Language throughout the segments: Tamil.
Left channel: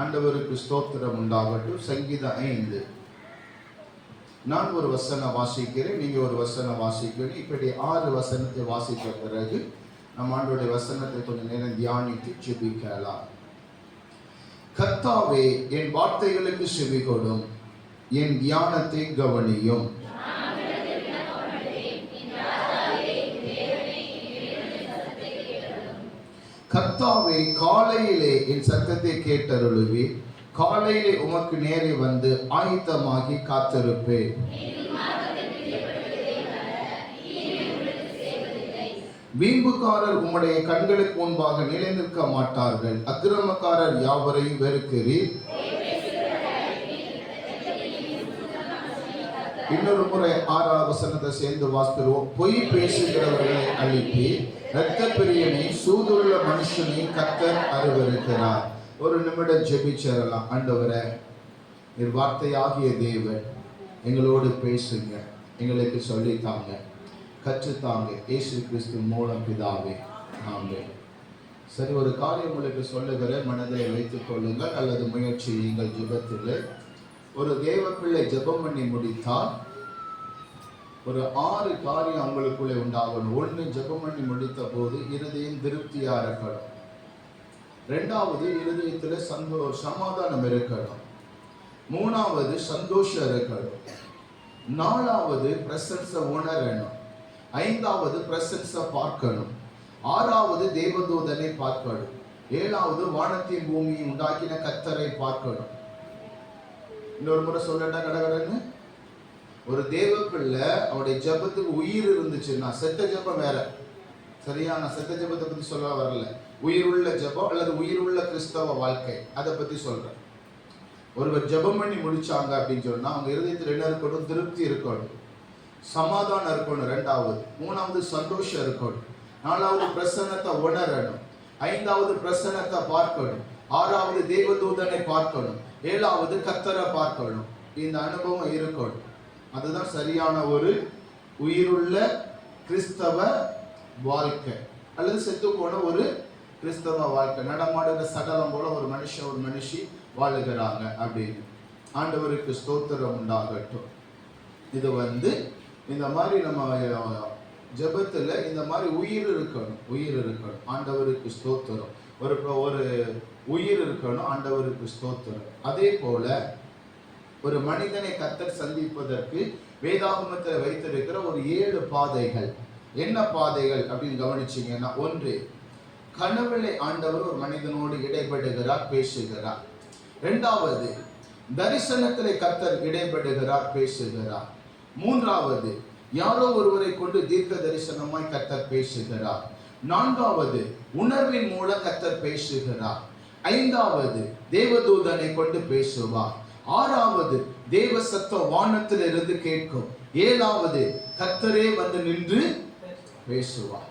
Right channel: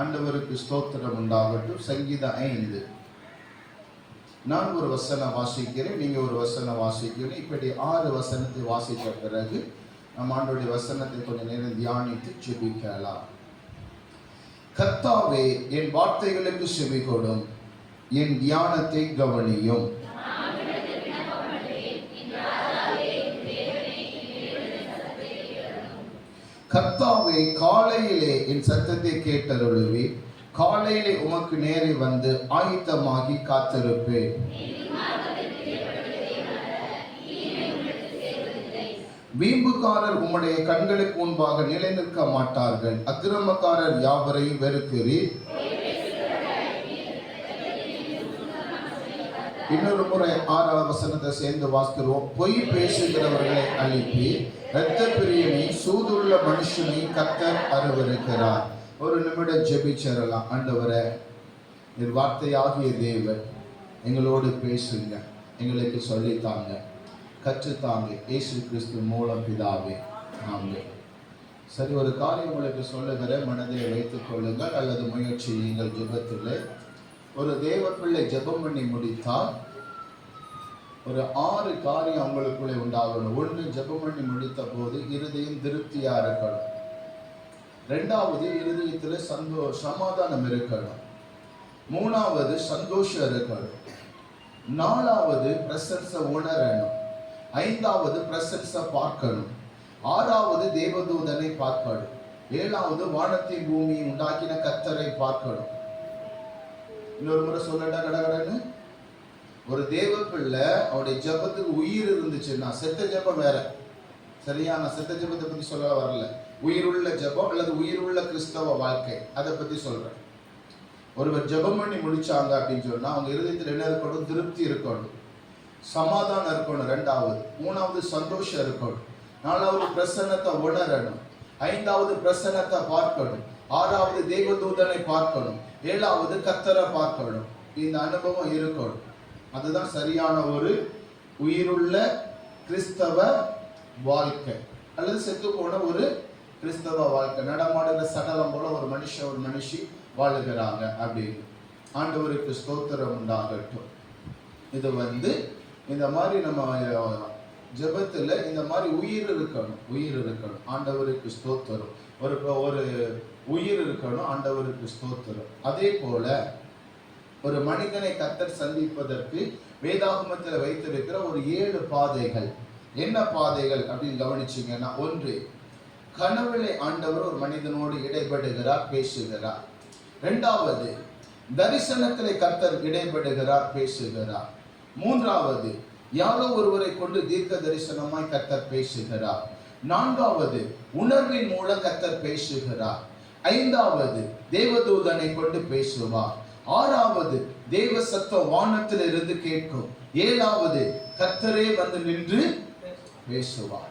ஆண்டவருக்கு ஸ்தோத்திரம் உண்டாகட்டும். சங்கீதம் 5. நான் ஒரு வசனம் வாசிக்கிறேன், நீங்க ஒரு வசனம் வாசிக்கிறேன். இப்படி 6 வசனத்தை வாசித்த பிறகு நம் ஆண்டவருடைய வசனத்தை கொஞ்ச நேரம் தியானித்து ஜெபிக்கலாம். கர்த்தாவே, என் வார்த்தைகளுக்கு செவி கொடும், என் தியானத்தை கவனியும். கர்த்தாவே, காலையிலே என் சத்தத்தை கேட்டருளுவே. காலையிலே உமக்கு நேரே வந்து ஆயத்தமாகி காத்திருப்பேன். வீம்புக்காரர் உம்முடைய கண்களுக்கு முன்பாக நிலை நிற்க மாட்டார்கள். அக்கிரமக்காரர் யாவரையும் வெறுக்கிறீர். இன்னொரு முறை 6ஆவது வசனத்தை சேர்ந்து வாசிக்கிறோம். பொய் பேசுகிறவர்களை அழிப்பி, இரத்த பிரியனை சூதுள்ள மனுஷனை கர்த்தர் அருவருக்கிறார். ஒரு நிமிடம் ஜெபிச்சரலாம். ஆண்டவரே, நீர் வார்த்தையாகிய தேவன், எங்களோடு பேசுங்க, எங்களுக்கு சொல்லித்தாங்க, கற்றுத்தாங்க. இயேசு கிறிஸ்து மூலம் பிதாவே, ஆமென். சரி, ஒரு காரியம் உங்களுக்கு சொல்லுகிற மனதில் வைத்துக் கொள்ளுங்கள் அல்லது முயற்சியுங்கள். ஜெபத்தில் ஒரு தேவ பிள்ளை ஜெபம் பண்ணி முடித்தால் ஒரு 6 காரியம் அவங்களுக்குள்ளே உண்டாகணும். 1, ஜெபம் பண்ணி முடித்த போது இருதயம் திருப்தியா இருக்கணும். 2வது, இருதயத்தில் சமாதானம் இருக்கணும். 3வது, சந்தோஷம் இருக்கணும். 4வது, பிரசன்ஸை உணரணும். 5வது, பிரசன்ஸை பார்க்கணும். 6வது, தேவதூதனை பார்க்கணும். 7வது, வானத்தின் பூமியை உண்டாக்கின கர்த்தரை பார்க்கணும். இன்னொரு முறை சொல்லட்டா கடகடன்னு. ஒரு தேவ பிள்ளை அவருடைய ஜெபத்துக்கு உயிர் இருந்துச்சுன்னா, செத்த ஜெபம் வேற, சரியா? நான் செத்த ஜெபத்தை பத்தி சொல்ல வரல. உயிருள்ள ஜெபம் அல்லது உயிருள்ள கிறிஸ்தவ வாழ்க்கை, அதை பத்தி சொல்றேன். ஒருவர் ஜெபம் பண்ணி முடிச்சாங்க அப்படின்னு சொன்னா அவங்க இருதயத்தில் என்ன இருக்கணும்? திருப்தி இருக்கணும், சமாதானம் இருக்கணும். 2வது. 3வது, சந்தோஷம் இருக்கணும். 4வது, பிரசன்னத்தை உணரணும். 5வது, பிரசன்னத்தை பார்க்கணும். 6வது, தேவதூதனை பார்க்கணும். 7வது, கர்த்தரை பார்க்கணும். இந்த அனுபவம் இருக்கணும். அதுதான் சரியான ஒரு உயிருள்ள கிறிஸ்தவ வாழ்க்கை அல்லது செத்து போன ஒரு கிறிஸ்தவ வாழ்க்கை. நடமாடுகிற சடலம் போல ஒரு மனுஷன் ஒரு மனுஷி வாழுகிறாங்க அப்படின்னு. ஆண்டவருக்கு ஸ்தோத்திரம் உண்டாகட்டும். இது இந்த மாதிரி நம்ம ஜெபத்தில் இந்த மாதிரி உயிர் இருக்கணும். ஆண்டவருக்கு ஸ்தோத்திரம். ஒரு உயிர் இருக்கணும். ஆண்டவருக்கு ஸ்தோத்திரம். அதே போல ஒரு மனிதனை கர்த்தர் சந்திப்பதற்கு வேதாகமத்தில் வைத்திருக்கிற ஒரு 7 பாதைகள். என்ன பாதைகள் அப்படின்னு கவனிச்சீங்கன்னா, 1, கனவிலே ஆண்டவர் ஒரு மனிதனோடு இடைப்படுகிறார், பேசுகிறார். 2வது, தரிசனத்திலே கர்த்தர் இடைப்படுகிறார், பேசுகிறார். 3வது, யாரோ ஒருவரை கொண்டு தீர்க்க தரிசனமாய் கர்த்தர் பேசுகிறார். 4வது, உணர்வின் மூலம் கர்த்தர் பேசுகிறார். 5வது, தேவதூதனை கொண்டு பேசுவார். 6வது, தேவ சத்தம் வானத்தில் இருந்து கேட்கும். 7வது, கர்த்தரே வந்து நின்று பேசுவார்.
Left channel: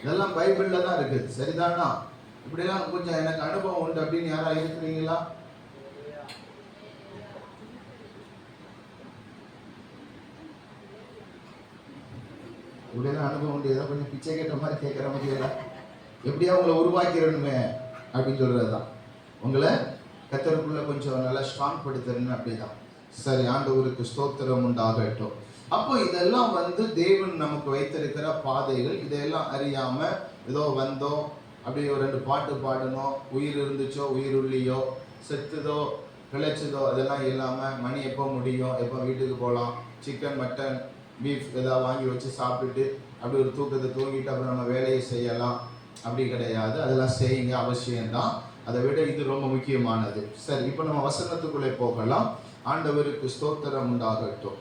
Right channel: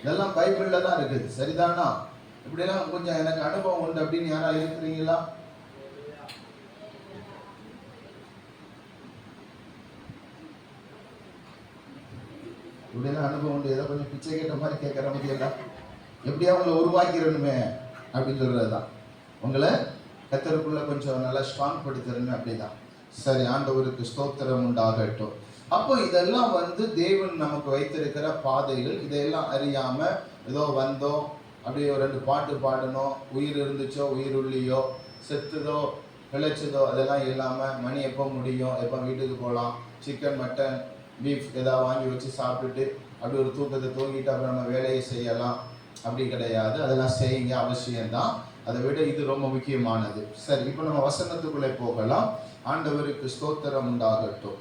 இதெல்லாம் பைபிள்ல தான் இருக்குது, சரிதானா? இப்படிலாம் கொஞ்சம் எனக்கு அனுபவம் உண்டு அப்படின்னு யாரா இருக்கிறீங்களா? இப்படிலாம் அனுபவம் உண்டு. ஏதோ கொஞ்சம் பிச்சை கேட்ட மாதிரி கேட்கற மாதிரியா? எப்படியா உங்களை உருவாக்கிறணுமே அப்படின்னு சொல்றதுதான். உங்களை கர்த்தருக்குள்ள கொஞ்சம் நல்லா ஸ்ட்ராங் படுத்தணும், அப்படிதான். சரி, ஆண்டவருக்கு ஸ்தோத்திரம் உண்டாகட்டும். அப்போ இதெல்லாம் தேவன் நமக்கு வைத்திருக்கிற பாதைகள். இதெல்லாம் அறியாம ஏதோ வந்தோம், அப்படியே ஒரு 2 பாட்டு பாடணும், உயிர் இருந்துச்சோ உயிர் உள்ளியோ செத்துதோ பிழைச்சதோ அதெல்லாம் இல்லாமல் மணி எப்போ முடியும், எப்போ வீட்டுக்கு போகலாம், சிக்கன் மட்டன் பீஃப் ஏதாவது வாங்கி வச்சு சாப்பிட்டுட்டு அப்படி ஒரு தூக்கத்தை தூங்கிட்டு அப்புறம் நம்ம வேலையை செய்யலாம், அப்படி கிடையாது. அதெல்லாம் செய்யுங்க, அவசியம்தான். அதை விட இது ரொம்ப முக்கியமானது. சரி, இப்போ நம்ம வசனத்துக்குள்ளே போகலாம். ஆண்டவருக்கு ஸ்தோத்திரம் உண்டாகட்டும்.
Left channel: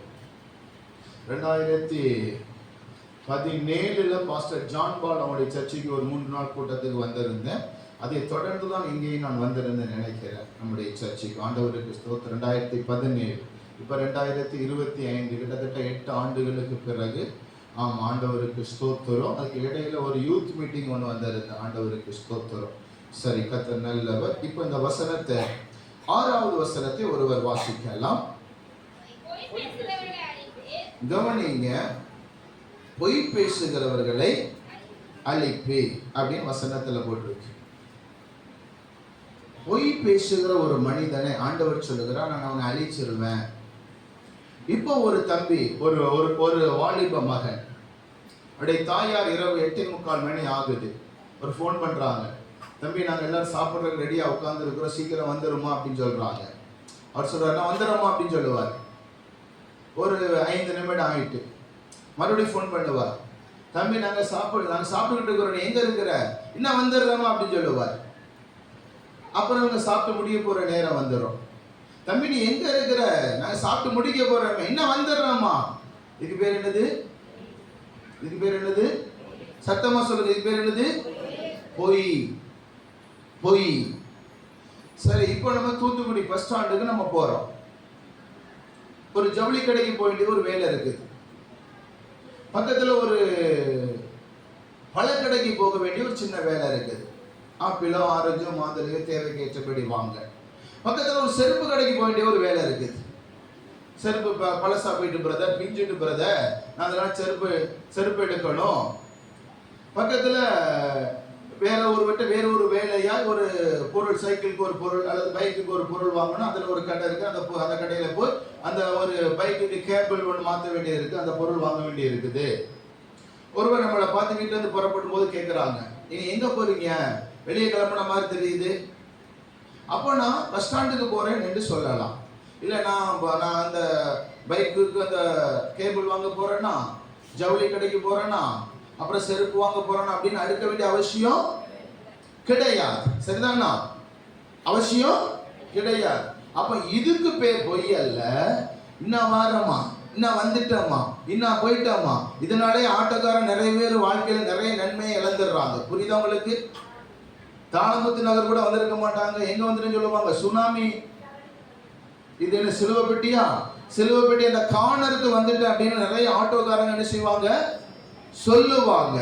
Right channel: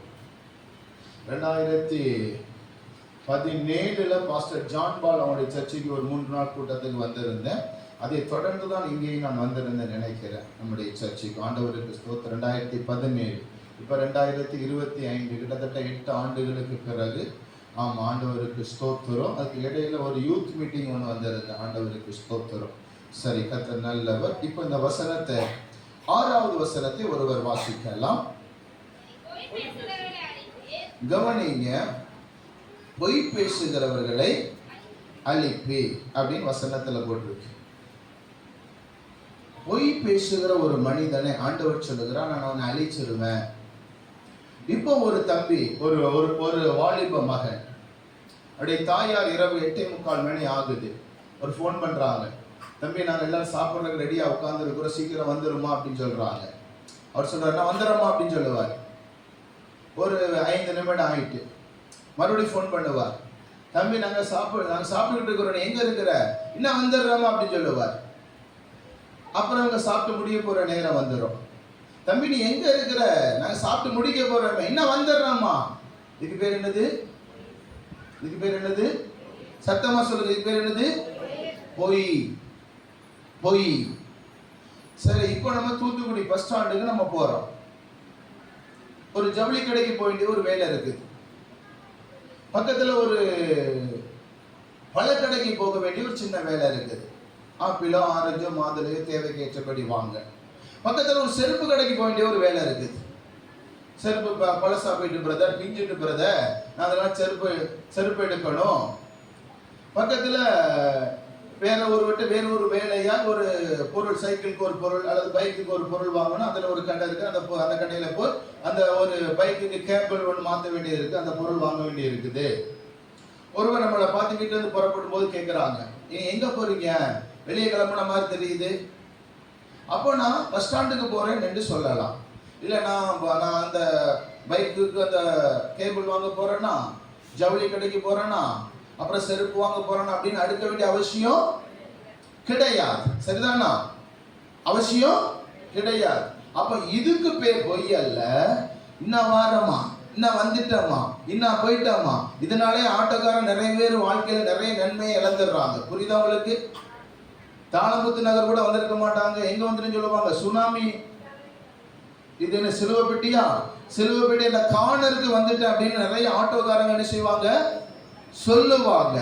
2017 பாஸ்டர் ஜான் பால் அவனுடைய சர்ச்சைக்கு ஒரு 3 நாள் கூட்டத்துக்கு வந்திருந்தேன். அதை தொடர்ந்து தான் இங்கேயும் நான் வந்திருந்தேன் நினைக்கிறேன் நம்முடைய சர்ச்சைக்கு. ஆண்டவருக்கு ஸ்தோத்திரம். 2017, இப்போ 2025, கிட்டத்தட்ட 8 ஆண்டுகளுக்கு பிறகு. ஆமாம், ஆண்டவருக்கு ஸ்தோத்திரம். அதுக்கு இடையில ஒரு யூத் மீட்டிங் ஒன்று வந்திருந்தேன். ஆண்டவருக்கு ஸ்தோத்திரம். சரி, கர்த்தர் நல்லவர். இப்போ இந்த வசனத்தை 6வது வசனத்தை ஒருவர் வாசிக்கலாம். கவனிங்க, பொய் பேசுகிறவர்களை அழிப்பே அப்படின்னு வசனத்துல போட்டிருக்கு. பொய் பேசுகிற ஒரு மனிதனை ஆண்டவர் சொல்லுகிறார், நான் அவனை அழிச்சிருவேன். இப்போ ஒரு தம்பி, ஒரு ஒரு வாலிப மகன், அப்படியே தாயார் இரவு 8:45 மணி ஆகுது, ஒரு ஃபோன் பண்றாங்க, தம்பி நாங்கள் எல்லாரும் சாப்பிட்றதுக்கு ரெடியாக உட்காந்துருக்குறோம், சீக்கிரம் வந்துருமா அப்படின்னு சொல்றாங்க. அவர் சொல்றாரு, நான் வந்துடுறோமா அப்படின்னு சொல்லுவார். ஒரு 5 நிமிடம் ஆயிட்டு மறுபடியும் ஃபோன் பண்ணுவார், தம்பி நாங்கள் சாப்பிட்டுக்கிட்டு இருக்கிறோம், நீ எங்க இருக்கிற, இன்னும் வந்துடுறோமா அப்படின்னு சொல்லுவார். அப்புறம் அவங்க சாப்பிட்டு முடிய போற நேரம் வந்துடும், தம்பி நீ எங்க இருக்கிற, நாங்க சாப்பிட்டு முடிக்க போறோம், இன்னும் வந்துடுறோமா. இதுக்கு பேர் என்னது? இதுக்கு பேர் என்னது? சத்தமா சொல்லுங்க, இதுக்கு பேர் என்னது? பொய். பொய். சரி, இப்போ நம்ம தூத்துக்குடி பஸ் ஸ்டாண்டுக்கு நம்ம போறோம். ஒரு ஜவுளி கடைக்கு போயிட்டு ஒரு வேலை இருக்கு, பக்கத்துல ஒரு பழக்கடைக்கு போக வேண்டிய ஒரு சின்ன வேலை இருக்குது. ஆப்பிளோ ஆரஞ்சோ மாதுளையோ தேவைக்கு ஏற்றபடி வாங்க. பக்கத்துல ஒரு செருப்பு கடைக்கு போக வேண்டிய ஒரு வேலை இருக்குது. செருப்பு பழசா போயிட்டு பிரதர், பிஞ்சிட்டு பிரதர், நான் அதெல்லாம் செருப்பு எடுக்கணும். பக்கத்துல வேற ஒரு வேலையா ஒரு பொருள், சைக்கிளுக்கு ஒரு பொருள் அல்லது பைக்குக்கு ஒரு பொருள் வாங்கணும். அதுல ஒரு கடை இருக்கு, அந்த கடையில போய் அந்த ஒரு பைக்குக்கு கேபிள் ஒன்று மாற்ற வேண்டியது இருக்கு, அந்த பொருள் வாங்க வேண்டியது இருக்குது. ஒருவர் நம்மளை பார்த்துக்கிட்டு வந்து புறப்படும் போது கேட்குறாங்க, நீங்க எங்க போறீங்க, வெளியே கிளம்புன மாதிரி தெரியுது. அப்போ நான் பஸ் ஸ்டாண்டுக்கு போறேன் என்று சொல்லலாம். இல்லை நான் அந்த பைக்குக்கு அந்த கேபிள் வாங்க போறேன்னா, ஜவுளி கடைக்கு போறேன்னா, அப்புறம் செருப்பு வாங்க போறேன்னா அப்படின்னு அடுக்க வேண்டிய அவசியம் கிடையாது. சரிதானா? அவசியம் கிடையாது. அப்ப இதுக்கு பேர் பொய் அல்ல. இன்னும் வாரமா, இன்னும் வந்துட்டோமா, இன்னும் போயிட்டோமா. இதனாலே ஆட்டோக்காரன் நிறைய பேர் வாழ்க்கையில் நிறைய நன்மையை இழந்துடுறாங்க. புரியுதா உங்களுக்கு? தாளமுத்து நகர் கூட வந்திருக்க மாட்டாங்க, எங்க வந்துட்டு சொல்லுவாங்க, சுனாமி, இது என்ன சிலுவை பெட்டியா, சிலுவை பெட்டி அந்த கார்னருக்கு வந்துட்டு அப்படின்னு நிறைய ஆட்டோக்காரங்க என்ன செய்வாங்க, சொல்லுவாங்க.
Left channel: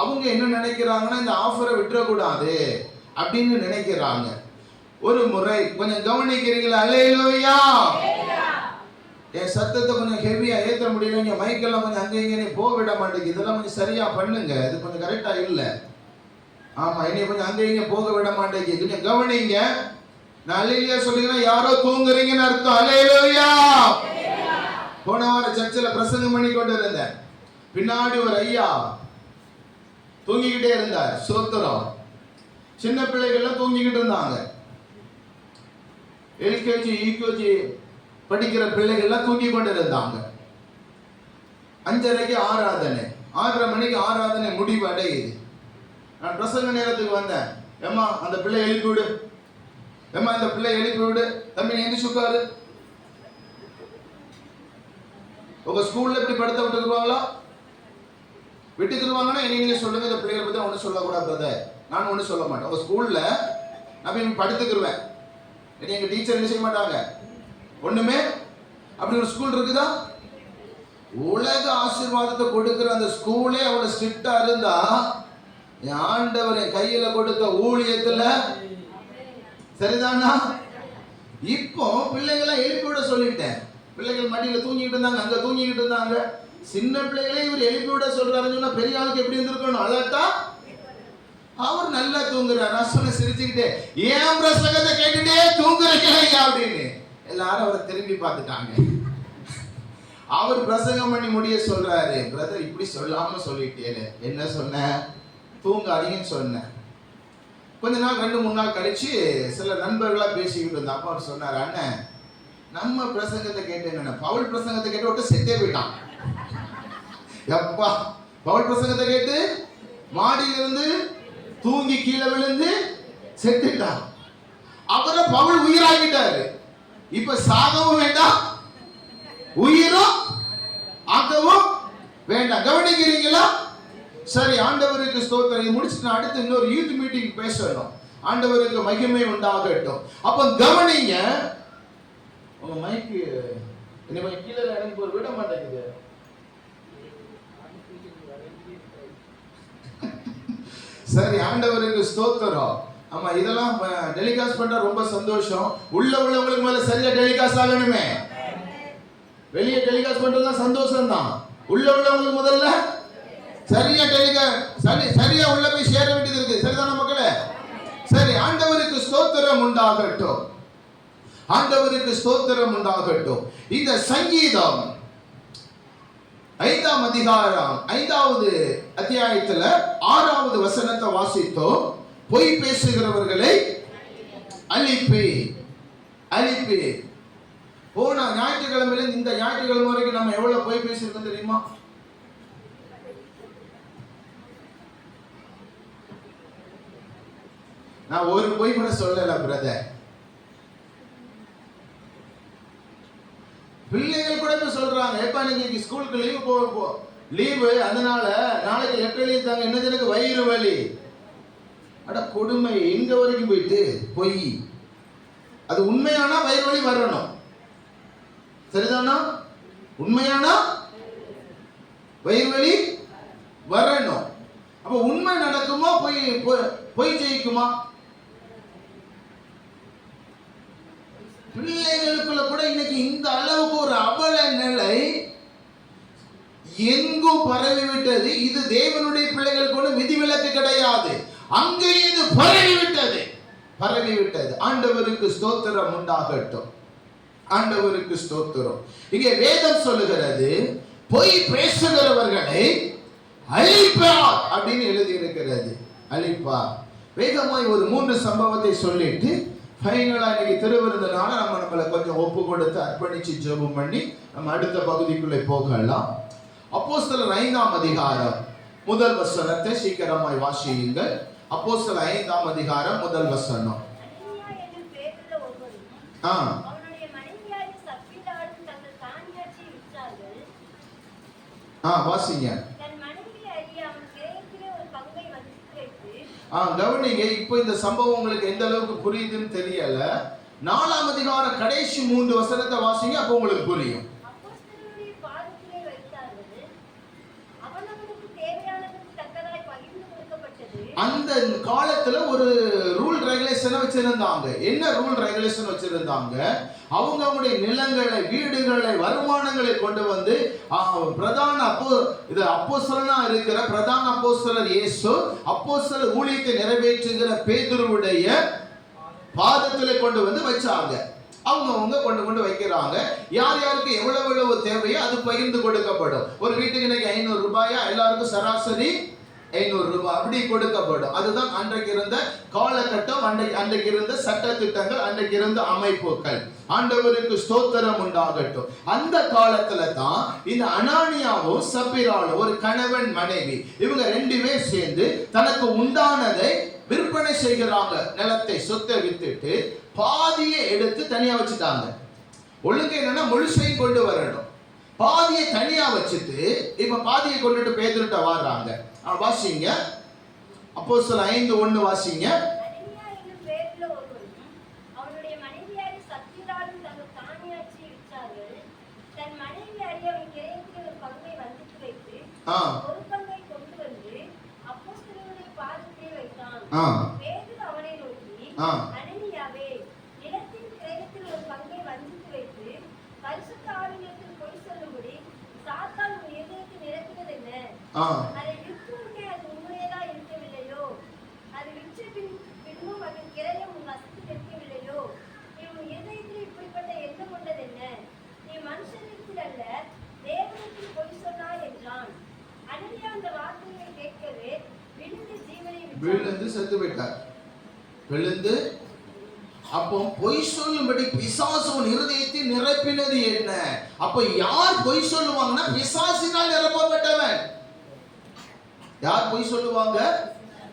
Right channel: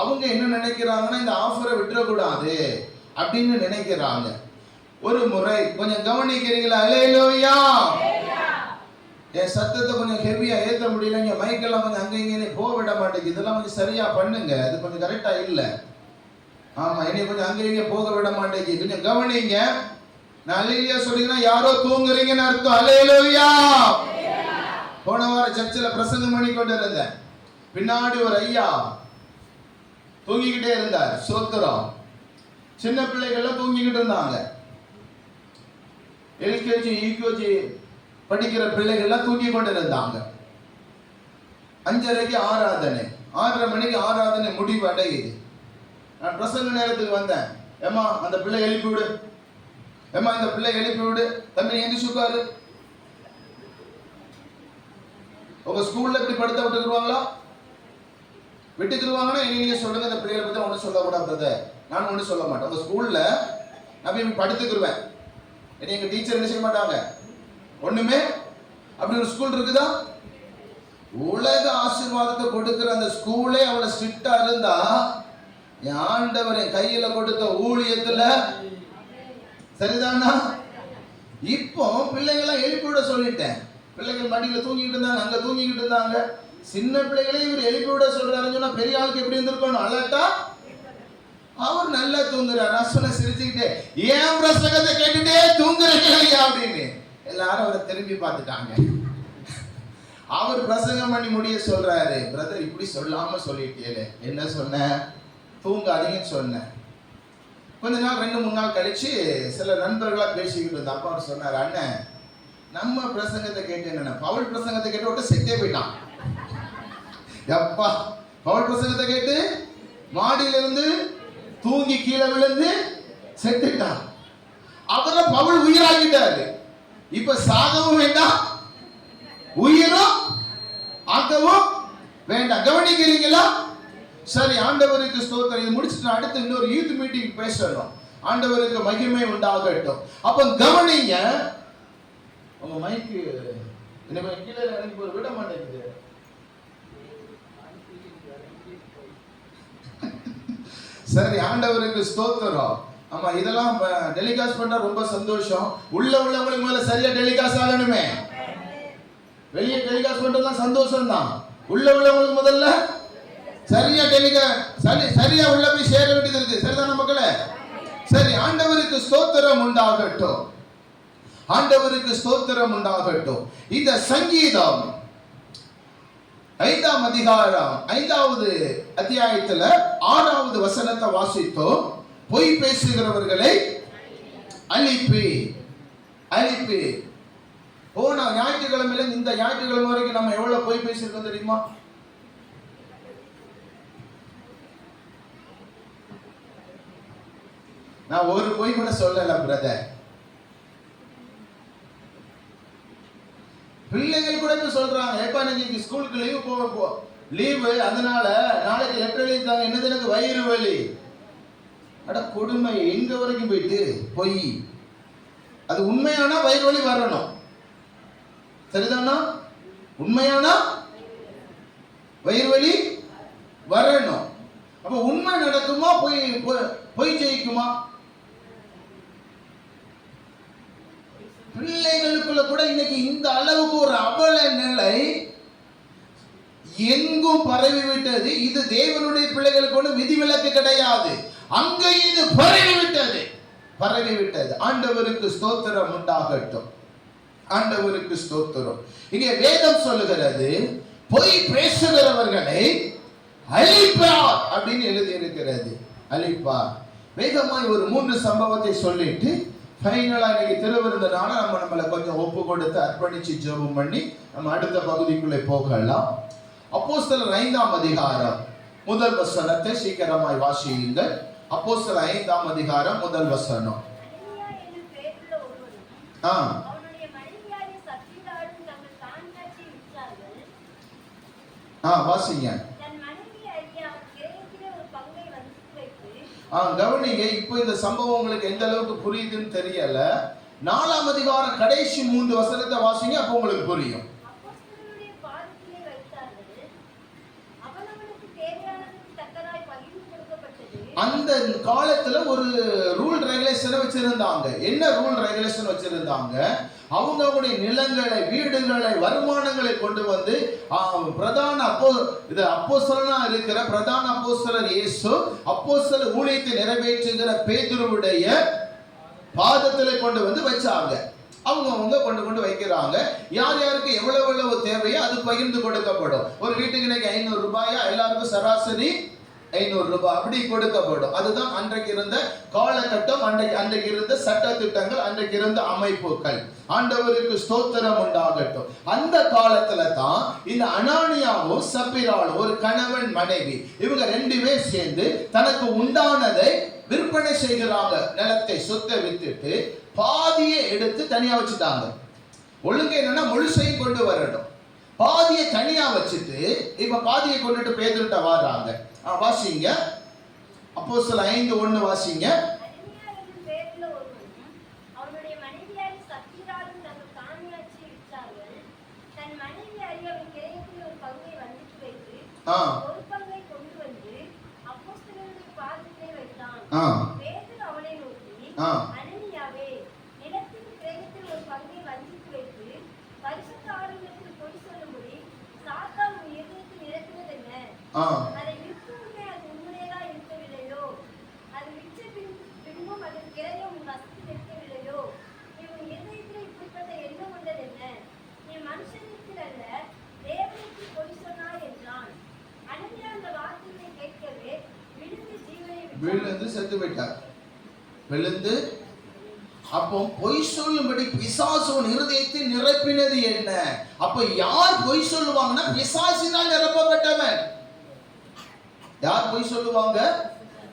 அவங்க என்ன நினைக்கிறாங்கன்னா, இந்த ஆஃபரை விட்டுறக்கூடாது அப்படின்னு நினைக்கிறாங்க. ஒரு முறை கொஞ்சம் கவனிக்கிறீங்களா? அல்லேலூயா. என் சத்தத்தை கொஞ்சம் ஹெவியா ஏற்ற முடியல, இங்க மைக்கெல்லாம் கொஞ்சம் அங்கே இங்கே போக விட மாட்டேங்குது, இதெல்லாம் கொஞ்சம் சரியா பண்ணுங்க, இது கொஞ்சம் கரெக்டா இல்ல. ஆமா, என்னை கொஞ்சம் அங்கே இங்கே போக விட மாட்டேங்குது, கொஞ்சம் கவனிங்க. நான் அல்லேலூயா சொல்லிங்கன்னா யாரோ தூங்குறீங்கன்னு அர்த்தம். அல்லேலூயா. போன வாரம் சர்ச்சில் பிரசங்கம் பண்ணி கொண்டு இருந்தேன். பின்னாடி ஒரு ஐயா தூங்கிக்கிட்டே இருந்தார். சோத்திரம். சின்ன பிள்ளைகள்லாம் தூங்கிக்கிட்டு இருந்தாங்க. எல்கேஜி யூகேஜி படிக்கிற பிள்ளைகள்லாம் தூங்கி கொண்டு இருந்தாங்க. 5:30க்கு ஆராதனை, 6:30 மணிக்கு ஆராதனை முடிவு அடையுது. நான் பிரசங்க நேரத்துக்கு வந்தேன். ஏமா அந்த பிள்ளை எழுப்பி விடு, ஏமா இந்த பிள்ளை எழுப்பி விடு, தம்பி எந்திரிச்சு உட்காரு. உங்க ஸ்கூல்ல இப்படி படுத்த விட்டுக்குவாங்களா? விட்டுக்குருவாங்கன்னா நீங்க சொல்லுங்க, இந்த பிள்ளைகளை பத்தி ஒன்றும் சொல்லக்கூடாது. நான் ஒன்றும் சொல்ல மாட்டேன். உங்க ஸ்கூல்ல நான் படுத்துக்குருவேன், எங்க டீச்சர் என்ன செய்ய மாட்டாங்க, ஒண்ணுமே. அப்படி ஒரு ஸ்கூல் இருக்குதா? உலக ஆசீர்வாதத்தை கொடுக்கிற அந்த ஸ்கூலே அவ்வளவு ஸ்ட்ரிக்டா இருந்தா, ஆண்டவர் என் கையில கொடுத்த ஊழியத்துல, சரிதானா? இப்போ பிள்ளைகளை எழுப்பி விட சொல்லிட்டேன். பிள்ளைகள் மடியில தூங்கிட்டு இருந்தாங்க, அங்க தூங்கிக்கிட்டு இருந்தாங்க. சின்ன பிள்ளைகளே இவர் எழுப்பி விட சொல்றாருன்னு சொன்னா பெரிய ஆளுக்கு எப்படி இருந்திருக்கணும்? அலர்ட்டா. அவர் நல்லா தூங்குறார். நான் சொன்ன சிரிச்சுக்கிட்டே, ஏன் பிரசங்கத்தை கேட்டுட்டே தூங்குறீங்க அப்படின்னு எல்லாரும் அவரை திரும்பி பார்த்துட்டாங்க. அவர் பிரசங்கம் பண்ணி முடிய சொல்றாரு, பிரதர் இப்படி சொல்லாம சொல்லிட்டேன். என்ன சொன்ன? தூங்காதீங்கன்னு சொன்னேன். கொஞ்ச நாள் 2-3 நாள் கழிச்சு சில நண்பர்களா பேசிக்கிட்டு இருந்தோம். அப்பா அவர் சொன்னார், அண்ணன் நம்ம பிரசங்கத்தை கேட்டு என்ன, பவுல் பிரசங்கத்தை கேட்டு விட்டு செத்தே போயிட்டான். எப்பா, பவுல் பிரசங்கத்தை கேட்டு மாடியிலிருந்து தூங்கி கீழே விழுந்து செத்துட்டான். அவரை பவுல் உயிராகிட்டாரு. இப்ப சாகவும் வேண்டாம், உயிரும் ஆக்கவும் வேண்டாம். கவனிக்கிறீங்களா? சரி, ஆண்டவருக்கு ஸ்தோத்திரம். இது முடிச்சுட்டு அடுத்து இன்னொரு யூத் மீட்டிங் பேசணும். ஆண்டவருக்கு மகிமை உண்டாகட்டும். அப்ப கவனிங்க. உங்க மைக்கு என்ன கீழே இறங்கி போய் விட மாட்டேங்குது. சரி, ஆண்டவருக்கு ஸ்தோத்திரம். ஆமா, இதெல்லாம் டெலிகாஸ்ட் பண்ணா ரொம்ப சந்தோஷம். உள்ளவங்களுக்கு முதல்ல சரியா டெலிகாஸ்ட் ஆகணுமே. வெளியே டெலிகாஸ்ட் பண்றதா சந்தோஷம் தான். உள்ளவங்களுக்கு முதல்ல சரியா சரியா உள்ள போய் சேர வேண்டியது இருக்கு. சரிதான மக்களே? சரி, ஆண்டவருக்கு ஸ்தோத்திரம் உண்டாகட்டும். ஆண்டவருக்கு ஸ்தோத்திரம் உண்டாகட்டும். இந்த சங்கீதம் 5ஆம் அதிகாரம் 5வது அத்தியாயத்துல 6வது வசனத்தை வாசித்தோம். பொய் பேசுகிறவர்களை அழிப்பே, அழிப்பே. போன ஞாயிற்றுக்கிழமையில இந்த ஞாயிற்றுக்கிழமை வரைக்கும் நம்ம எவ்வளவு பொய் பேசிருக்கோம் தெரியுமா? நான் ஒரு பொய் கூட சொல்லல பிரதர். பிள்ளைகள் கூட சொல்றாங்க, எப்ப இன்னைக்கு ஸ்கூலுக்கு லீவு, அதனால நாளைக்கு லெட்டர் எழுதி தாங்க, என்னது எனக்கு வயிறு வலி. அட கொடுமை, எங்க வரைக்கும் போயிட்டு பொய். அது உண்மையானா வயிறு வலி வரணும், சரிதானா? உண்மையானா வயிறு வலி வரணும். அப்ப உண்மை நடக்குமா, பொய் ஜெயிக்குமா? பிள்ளைகளுக்குள்ள கூட இன்னைக்கு இந்த அளவுக்கு ஒரு அவல நிலை எங்கும் பரவிவிட்டது. இது தேவனுடைய பிள்ளைகளுக்கு ஒன்று விதிவிலக்கு கிடையாது. அங்கே இது பரவிவிட்டது, பரவிவிட்டது. ஆண்டவருக்கு ஸ்தோத்திரம் உண்டாகட்டும், ஆண்டவருக்கு ஸ்தோத்திரம். இங்கே வேதம் சொல்லுகிறது, பொய் பேசுகிறவர்களை அழிப்பார் அப்படின்னு எழுதி இருக்கிறது. அழிப்பார். வேகமாய் ஒரு 3 சம்பவத்தை சொல்லிட்டு ஃபைனலா இன்னைக்கு திருவிருந்தனால நம்மளை கொஞ்சம் ஒப்பு கொடுத்து அர்ப்பணிச்சு ஜெபம் பண்ணி நம்ம அடுத்த பகுதிக்குள்ளே போகலாம். அப்போஸ்தலர் 5ஆம் அதிகாரம் 1 வசனத்தை சீக்கிரமாய் வாசியுங்கள். அப்போஸ்தலர் 5ஆம் அதிகாரம் 1 வசனம். வாசிங்க. கவனிங்க. இப்போ இந்த சம்பவம் உங்களுக்கு எந்த அளவுக்கு புரியுதுன்னு தெரியல. 4ஆம் அதிகாரம் கடைசி 3 வசனத்தை வாசிங்க, அப்போ உங்களுக்கு புரியும். அந்த காலத்துல ஒரு ரூல் ரெகுலேஷன் வச்சிருந்தாங்க. என்ன ரூல் ரெகுலேஷன் வச்சிருந்தாங்க? அவங்களுடைய நிலங்களை, வீடுகளை, வருமானங்களை கொண்டு வந்து பிரதான அப்போஸ்தலனா இருக்கிற பிரதான அப்போஸ்தலர் இயேசு, அப்போஸ்தலர் ஊழியத்தை நிறைவேற்றுகிற பேதுருவுடைய பாதத்திலே கொண்டு வந்து வச்சாங்க. அவங்க கொண்டு வைக்கிறாங்க. யார் யாருக்கு எவ்வளவு தேவையோ அது பகிர்ந்து கொடுக்கப்படும். ஒரு வீட்டுக்கு இன்னைக்கு 500 ரூபாயா, எல்லாருக்கும் சராசரி 500 ரூபாய் அப்படி கொடுக்கப்படும். அதுதான் அன்றைக்கு இருந்த காலகட்டம், அன்றைக்கு இருந்த சட்ட திட்டங்கள், அன்றைக்கு இருந்த அமைப்புகள். ஆண்டவருக்கு ஸ்தோத்திரம் உண்டாகட்டும். அந்த காலத்துல தான் இந்த அனானியாவும் சப்பீராலும், ஒரு கணவன் மனைவி, இவங்க 2 பேர் சேர்ந்து தனக்கு உண்டானதை விற்பனை செய்கிறாங்க. நிலத்தை, சொத்தை வித்துட்டு பாதியை எடுத்து தனியா வச்சுட்டாங்க. ஒழுங்கு என்னன்னா முழுசையும் கொண்டு வரணும். பாதியை தனியா வச்சுட்டு இப்ப பாதியை கொண்டுட்டு பேதுருட்ட வர்றாங்க. வாசிங்க. அப்போஸ்தலர் 5:1 வாசிங்க. ஒரு பங்கை கொண்டு வந்து அப்போஸ்தலருடைய பாதத்திலே வைத்தான். பேதுரு அவனை நோக்கி, அனனியாவே, நிலத்தின் கிரயத்தில் ஒரு பங்கை வஞ்சித்து வைத்து பரிசுத்த ஆவியினிடத்தில் பொய் சொல்லும்படி சாத்தான் உன் இதயத்தில் இறக்குவது என்ன? அதை விற்கும் முன்னே அது உன்னுடையதா இருக்கவில்லையோ? அது விற்ற பின்பும் அதன் கிரயம் உன் வசத்தில் இருக்கவில்லையோ? நீ உன் இதயத்தில் இப்படிப்பட்ட எண்ணம் கொண்டது என்ன? நீ மனுஷனிடத்தில் அல்ல, தேவனிடத்தில் பொய் சொன்னாய் என்றான். அனனியா அந்த வார்த்தையை கேட்கவே விழுந்து ஜீவனை விழுந்து செத்து போயிட்டார். விழுந்து. அப்போ பொய் சொல்லும்படி பிசாசு இருதயத்தை நிரப்பினது என்ன? அப்ப யார் பொய் சொல்லுவாங்கன்னா பிசாசினால் நிரப்பப்பட்டவன். யார் பொய் சொல்லுவாங்க?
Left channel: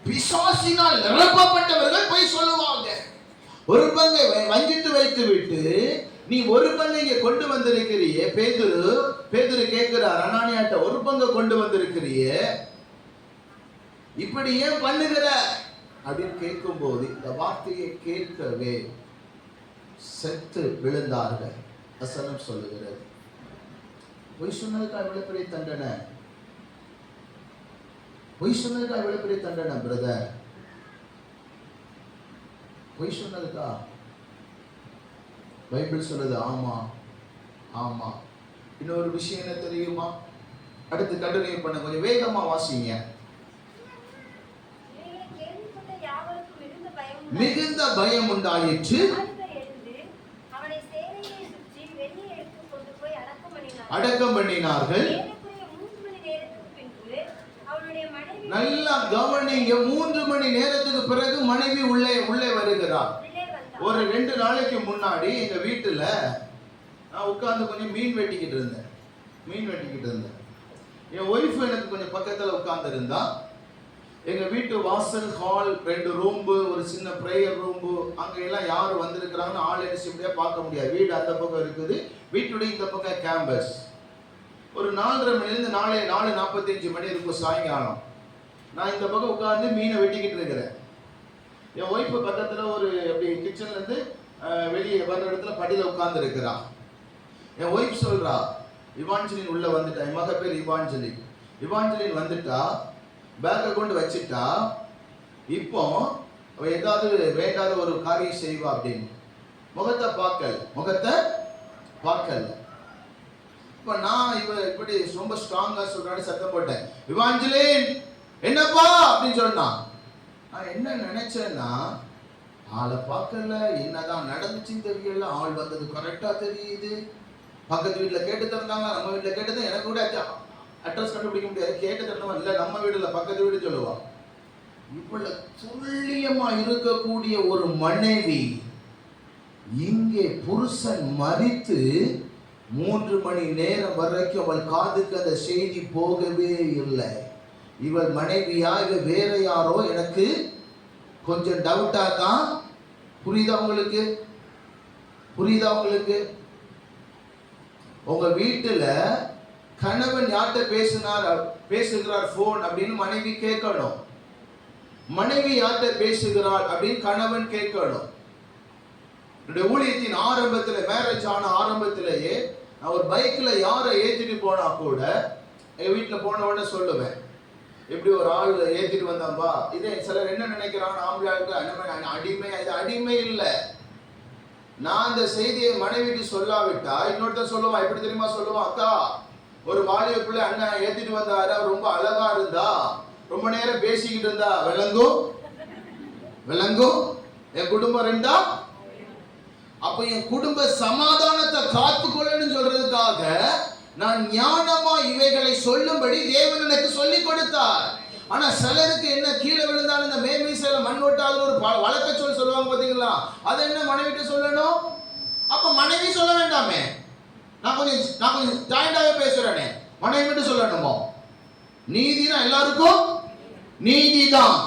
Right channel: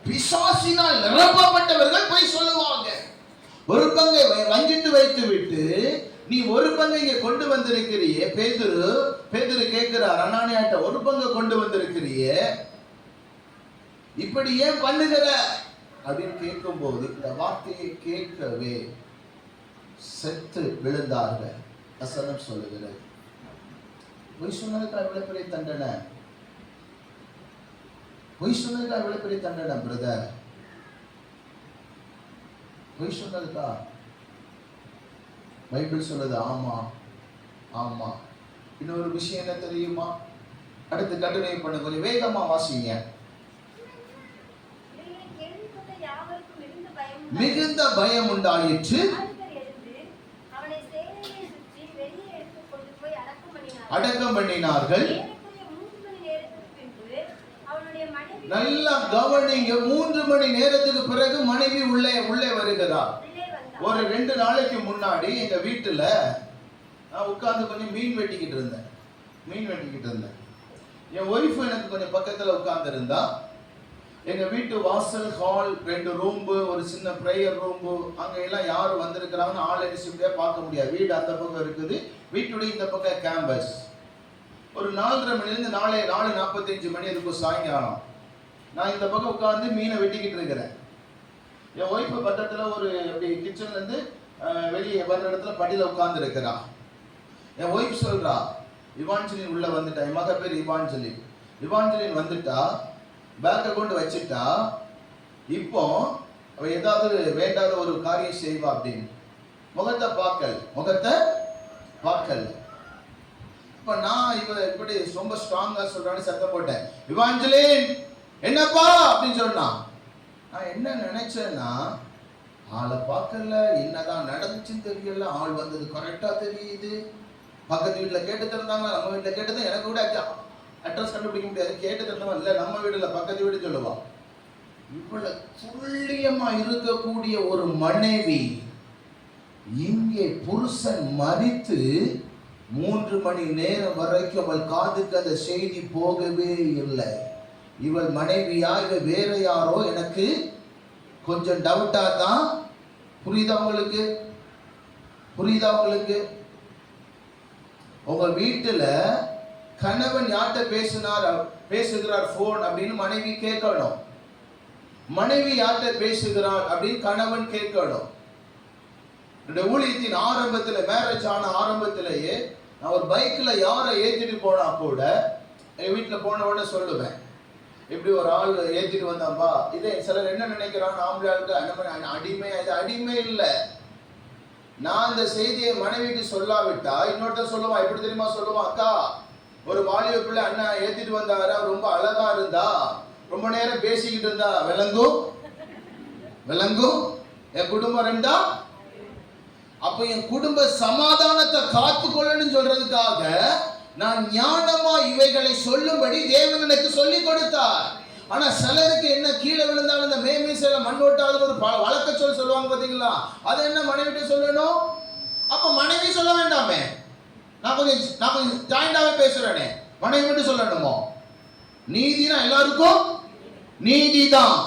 பிசாசினால் நிரப்பப்பட்டவர்கள் பொய் சொல்லுவாங்க. ஒரு பங்கை வஞ்சித்து வைத்து விட்டு நீ ஒரு பங்கை இங்க கொண்டு வந்திருக்கிறியே. பேதுரு கேட்கிறார் அனானியாட்ட, ஒரு பங்கை கொண்டு வந்திருக்கிறியே, இப்படி ஏன் பண்ணுகிற அப்படின்னு கேட்கும் போது இந்த வார்த்தையை கேட்கவே செத்து விழுந்தார்கள். வசனம் சொல்லுகிறது. பொய் சொன்னதுக்கு எவ்வளவு பெரிய தண்டனை, பொய் சொன்னதுக்கா எவ்வளவு பெரிய தண்டனை பிரதர்? பொய் சொன்னதுக்கா பைபிள் சொல்லுது. ஆமா ஆமா. இன்னொரு விஷயம் என்ன தெரியுமா? அடுத்து கண்டினியூ பண்ண, கொஞ்சம் வேகமா வாசிங்க. மிகுந்த பயம் உண்டாயிற்று. அடக்கம் பண்ணினார்கள். நல்லா கவனிங்க, 3 மணி நேரத்துக்கு பிறகு மனைவி உள்ளே வருகிறார். ஒரு 2 நாளைக்கு முன்னாடி எங்க வீட்டுல நான் உட்கார்ந்து கொஞ்சம் மீன் வெட்டிக்கிட்டு இருந்தேன். என் ஒய்ஃப் எனக்கு கொஞ்சம் பக்கத்துல உட்கார்ந்து இருந்தா. எங்க வீட்டு வாசல், ஹால், 2 ரூம், ஒரு சின்ன பிரேயர் ரூம், அங்க எல்லாம் யாரு வந்திருக்கிறாங்கன்னு ஆள் என்ன பார்க்க முடியாது. வீடு அந்த பக்கம் இருக்குது, வீட்டுடைய இந்த பக்கம் கேம்பஸ். ஒரு 4:30 மணிலிருந்து 4:45 மணி இருக்கும் சாயங்காலம். நான் இந்த பக்கம் உட்கார்ந்து மீனை வெட்டிக்கிட்டு இருக்கிறேன். என் ஒய்ஃபு பக்கத்துல ஒரு அப்படி கிச்சன்ல இருந்து வெளியே வர்ற இடத்துல படியில உட்கார்ந்து இருக்கிறான். என் ஒய்ஃப் சொல்றா, இவாஞ்சலின் உள்ள வந்துட்டா. என் மக பேர் இவாஞ்சலின் வந்துட்டா, பேக்கை கொண்டு வச்சுட்டா. இப்போ அவ ஏதாவது வேண்டாத ஒரு காரியம் செய்வா அப்படின்னு. முகத்தை பார்க்கல. இப்ப நான் இப்படி ரொம்ப ஸ்ட்ராங்கா சொல்றான்னு சத்தம் போட்டேன், இவாஞ்சலின் என்னப்பா அப்படின்னு சொன்னா. நான் என்ன நினைச்சேன்னா, ஆளை பார்க்கல, என்னதான் நடந்துச்சுன்னு தெரியல. ஆள் வந்தது கரெக்டா தெரியுது. பக்கத்து வீட்டுல கேட்டு தந்தாங்க, நம்ம வீட்டுல கேட்டது. எனக்கு கூட அட்ரஸ் கண்டுபிடிக்க முடியாது. கேட்டு தந்தவன் இல்ல, நம்ம வீடு இல்ல, பக்கத்து வீடு சொல்லுவா. இவ்வளவு துல்லியமா இருக்கக்கூடிய ஒரு மனைவி இங்கே புருஷன் மரித்து 3 மணி நேரம் வரைக்கும் அவள் காதுக்கு அந்த செய்தி போகவே இல்லை. இவள் மனைவியா இவ வேற யாரோ எனக்கு கொஞ்சம் டவுட்டா தான். புரியுதா உங்களுக்கு? உங்க வீட்டுல கணவன் யார்கிட்ட பேசுகிறார் போன் அப்படின்னு மனைவி கேட்கணும். மனைவி யார்கிட்ட பேசுகிறாள் அப்படின்னு கணவன் கேட்கணும். ஊழியத்தின் ஆரம்பத்துல, மேரேஜ் ஆன ஆரம்பத்திலேயே நான் ஒரு பைக்ல யாரை ஏற்றிட்டு போனா கூட எங்க வீட்டுல போன உடனே சொல்லுவேன், எப்படி ஒரு ஆள் ஏற்றிட்டு வந்தாம்பா. இதே சிலர் என்ன நினைக்கிறாங்க, ஆம்பளையாளுக்கு அடிமை. இது அடிமை இல்லை. நான் இந்த செய்தியை மனைவிக்கு சொல்லாவிட்டா இன்னொருத்தர் சொல்லுவான். எப்படி தெரியுமா சொல்லுவான், அக்கா ஒரு வாலிப பிள்ளை அண்ணன் ஏத்திட்டு வந்தாரு, அவர் ரொம்ப அழகா இருந்தா, ரொம்ப நேரம் பேசிக்கிட்டு இருந்தா, விளங்கும் என் குடும்பம் ரெண்டா. அப்ப என் குடும்ப சமாதானத்தை காத்துக்கொள்ளன்னு சொல்றதுக்காக நான் ஞானமா இவைகளை சொல்லும்படி தேவன் எனக்கு சொல்லிக் கொடுத்தார். ஆனா சிலருக்கு என்ன, கீழே விழுந்தாலும் இந்த மேமீசையில மண் ஒட்டாத ஒரு வழக்க சொல்லுவாங்க பாத்தீங்களா, அதை என்ன மனைவிட்டு சொல்லணும். அப்ப மனைவி சொல்ல வேண்டாமே, நான் கொஞ்சம் ஜாயிண்டாவே பேசுறேனே, மனைவி மட்டும் சொல்லணுமோ? நீதினா எல்லாருக்கும் நீதிதான்.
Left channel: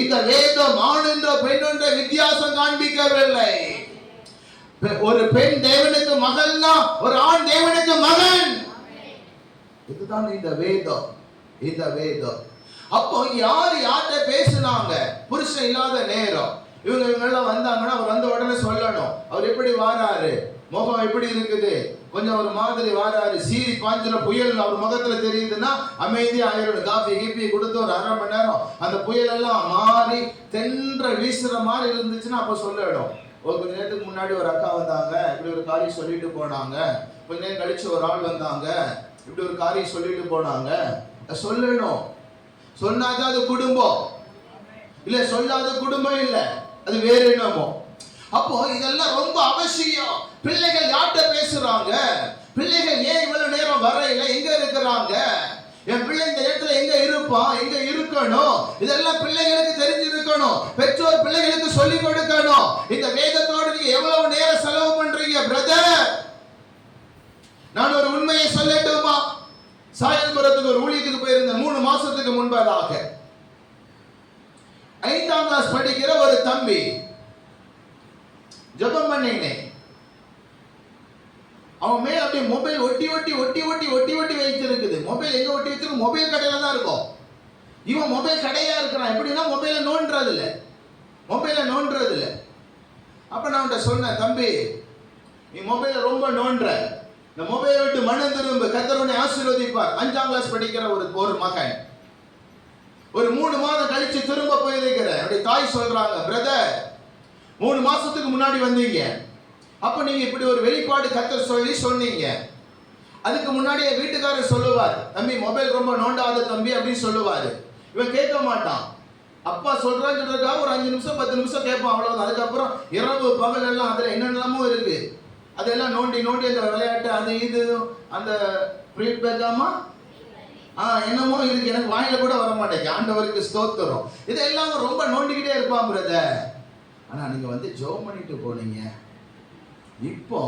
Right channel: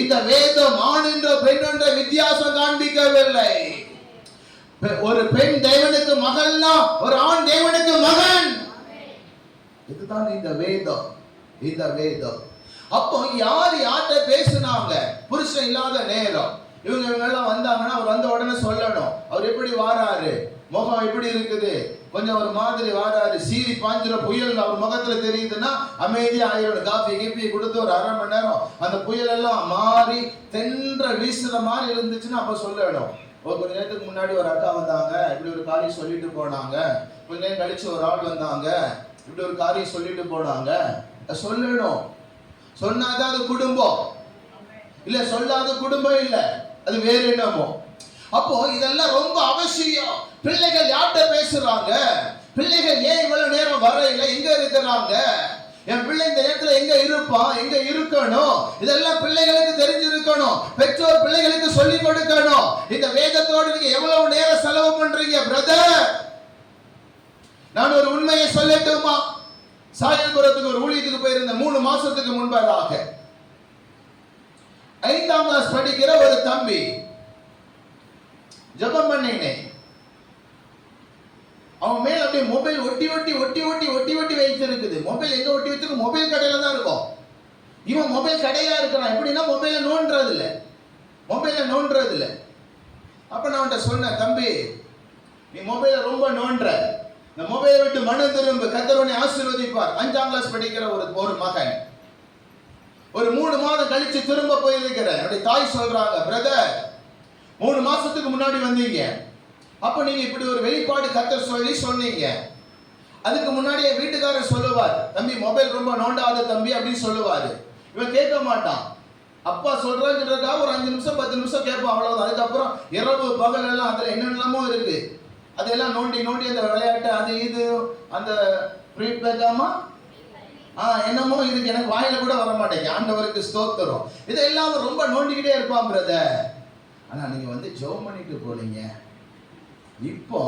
இந்த வேதம் ஆண் என்ற பெண் என்ற வித்தியாசம் காண்பிக்கவில்லை. ஒரு பெண் தேவனுக்கு மகள்னா ஒரு ஆண் தேவனுக்கு மகன். இதுதான் இந்த வேதம். அப்போ யார்கிட்ட பேசுனாங்க? புருஷன் இல்லாத நேரம் இவங்க எல்லாம் வந்தாங்கன்னா அவர் வந்த உடனே சொல்லணும், அவர் எப்படி வாராரு, முகம் எப்படி இருக்குது, கொஞ்சம் ஒரு மாதிரி வாராரு, சீறி பாஞ்சிர புயல் அவர் முகத்துல தெரியுதுன்னா அமைதி ஆயிரம். காஃபி கீப்பி கொடுத்து ஒரு 1/2 மணி நேரம் அந்த புயல் எல்லாம் மாறி தென்ற வீசுற மாதிரி இருந்துச்சுன்னா அப்ப சொல்லணும். கொஞ்ச நேரத்துக்கு முன்னாடி ஒரு அக்கா வந்தாங்க, இப்படி ஒரு காரியம் சொல்லிட்டு போனாங்க. கொஞ்ச நேரம் கழிச்சு ஒரு ஆள் வந்தாங்க, இப்படி ஒரு காரியம் சொல்லிட்டு போனாங்க. சொல்லணும். சொன்னாதான் அது குடும்பம் இல்ல, சொல்லாத குடும்பம் இல்ல, அது வேற என்னமோ. அப்போ இதெல்லாம் ரொம்ப அவசியம். பிள்ளைகள் யார்கிட்ட பேசுறாங்க, பிள்ளைகள் ஏன் இவ்வளவு நேரம் வரையில, எங்க இருக்கிறாங்க, என் பிள்ளை இந்த நேரத்துல எங்க இருப்பான், எங்க இருக்கணும், இதெல்லாம் பிள்ளைகளுக்கு தெரிஞ்சிருக்கணும். பெற்றோர் பிள்ளைகளுக்கு சொல்லிக் கொடுக்கணும். இந்த வேதத்தோடு நீங்க எவ்வளவு நேரம் செலவு பண்றீங்க பிரதர்? நான் ஒரு உண்மையை சொல்லட்டுமா? சாயல்புரத்துக்கு ஒரு ஊழியத்துக்கு போயிருந்த 3 மாசத்துக்கு முன்பதாக 5ஆம் கிளாஸ் படிக்கிற ஒரு தம்பி ஜெபம் பண்ணினேன். அவன் மேல அப்படியே மொபைல் ஒட்டி வைத்திருக்குது. மொபைல் எங்க ஒட்டி வச்சிருக்கு? மொபைல் கடையில தான் இருக்கும். இவன் மொபைல் கடையா இருக்கிறான். எப்படின்னா மொபைல நோண்டுறது இல்ல. அப்ப நான் அவன்கிட்ட சொன்னேன், தம்பி நீ மொபைல ரொம்ப நோண்டுற, இந்த மொபைலை விட்டு மனம் திரும்ப, கர்த்தர் உன்னை ஆசீர்வதிப்பார். 5ஆம் கிளாஸ் படிக்கிற ஒரு மகன் ஒரு 3 மாதம் கழிச்சு திரும்ப போயிருக்கிற அப்படி தாய் சொல்றாங்க, பிரதர் 3 மாசத்துக்கு முன்னாடி வந்தீங்க, அப்ப நீங்க இப்படி ஒரு வெளிப்பாடு கர்த்தர் சொன்னீங்க. அதுக்கு முன்னாடியே வீட்டுக்காரர் சொல்லுவார், தம்பி மொபைல் ரொம்ப நோண்டாத தம்பி அப்படின்னு சொல்லுவாரு. இவன் கேட்க மாட்டான். அப்பா சொல்றதுக்காக ஒரு 5 நிமிஷம் 10 நிமிஷம் கேட்போம், அவ்வளவுதான். அதுக்கப்புறம் இரவு பகல் எல்லாம் அதுல என்னென்னமோ இருக்கு, அதெல்லாம் நோண்டி நோண்டி அந்த விளையாட்டு அது இது அந்த ப்ரீபேக்காமா என்னமோ இதுக்கு எனக்கு வாயில கூட வர மாட்டேங்க. ஆண்டவருக்கு ஸ்தோத்திரம். இதெல்லாம் ரொம்ப நோண்டிக்கிட்டே இருப்பான் பிரதர். ஆனா நீங்க வந்து ஜெபம் பண்ணிட்டு போனீங்க, இப்போ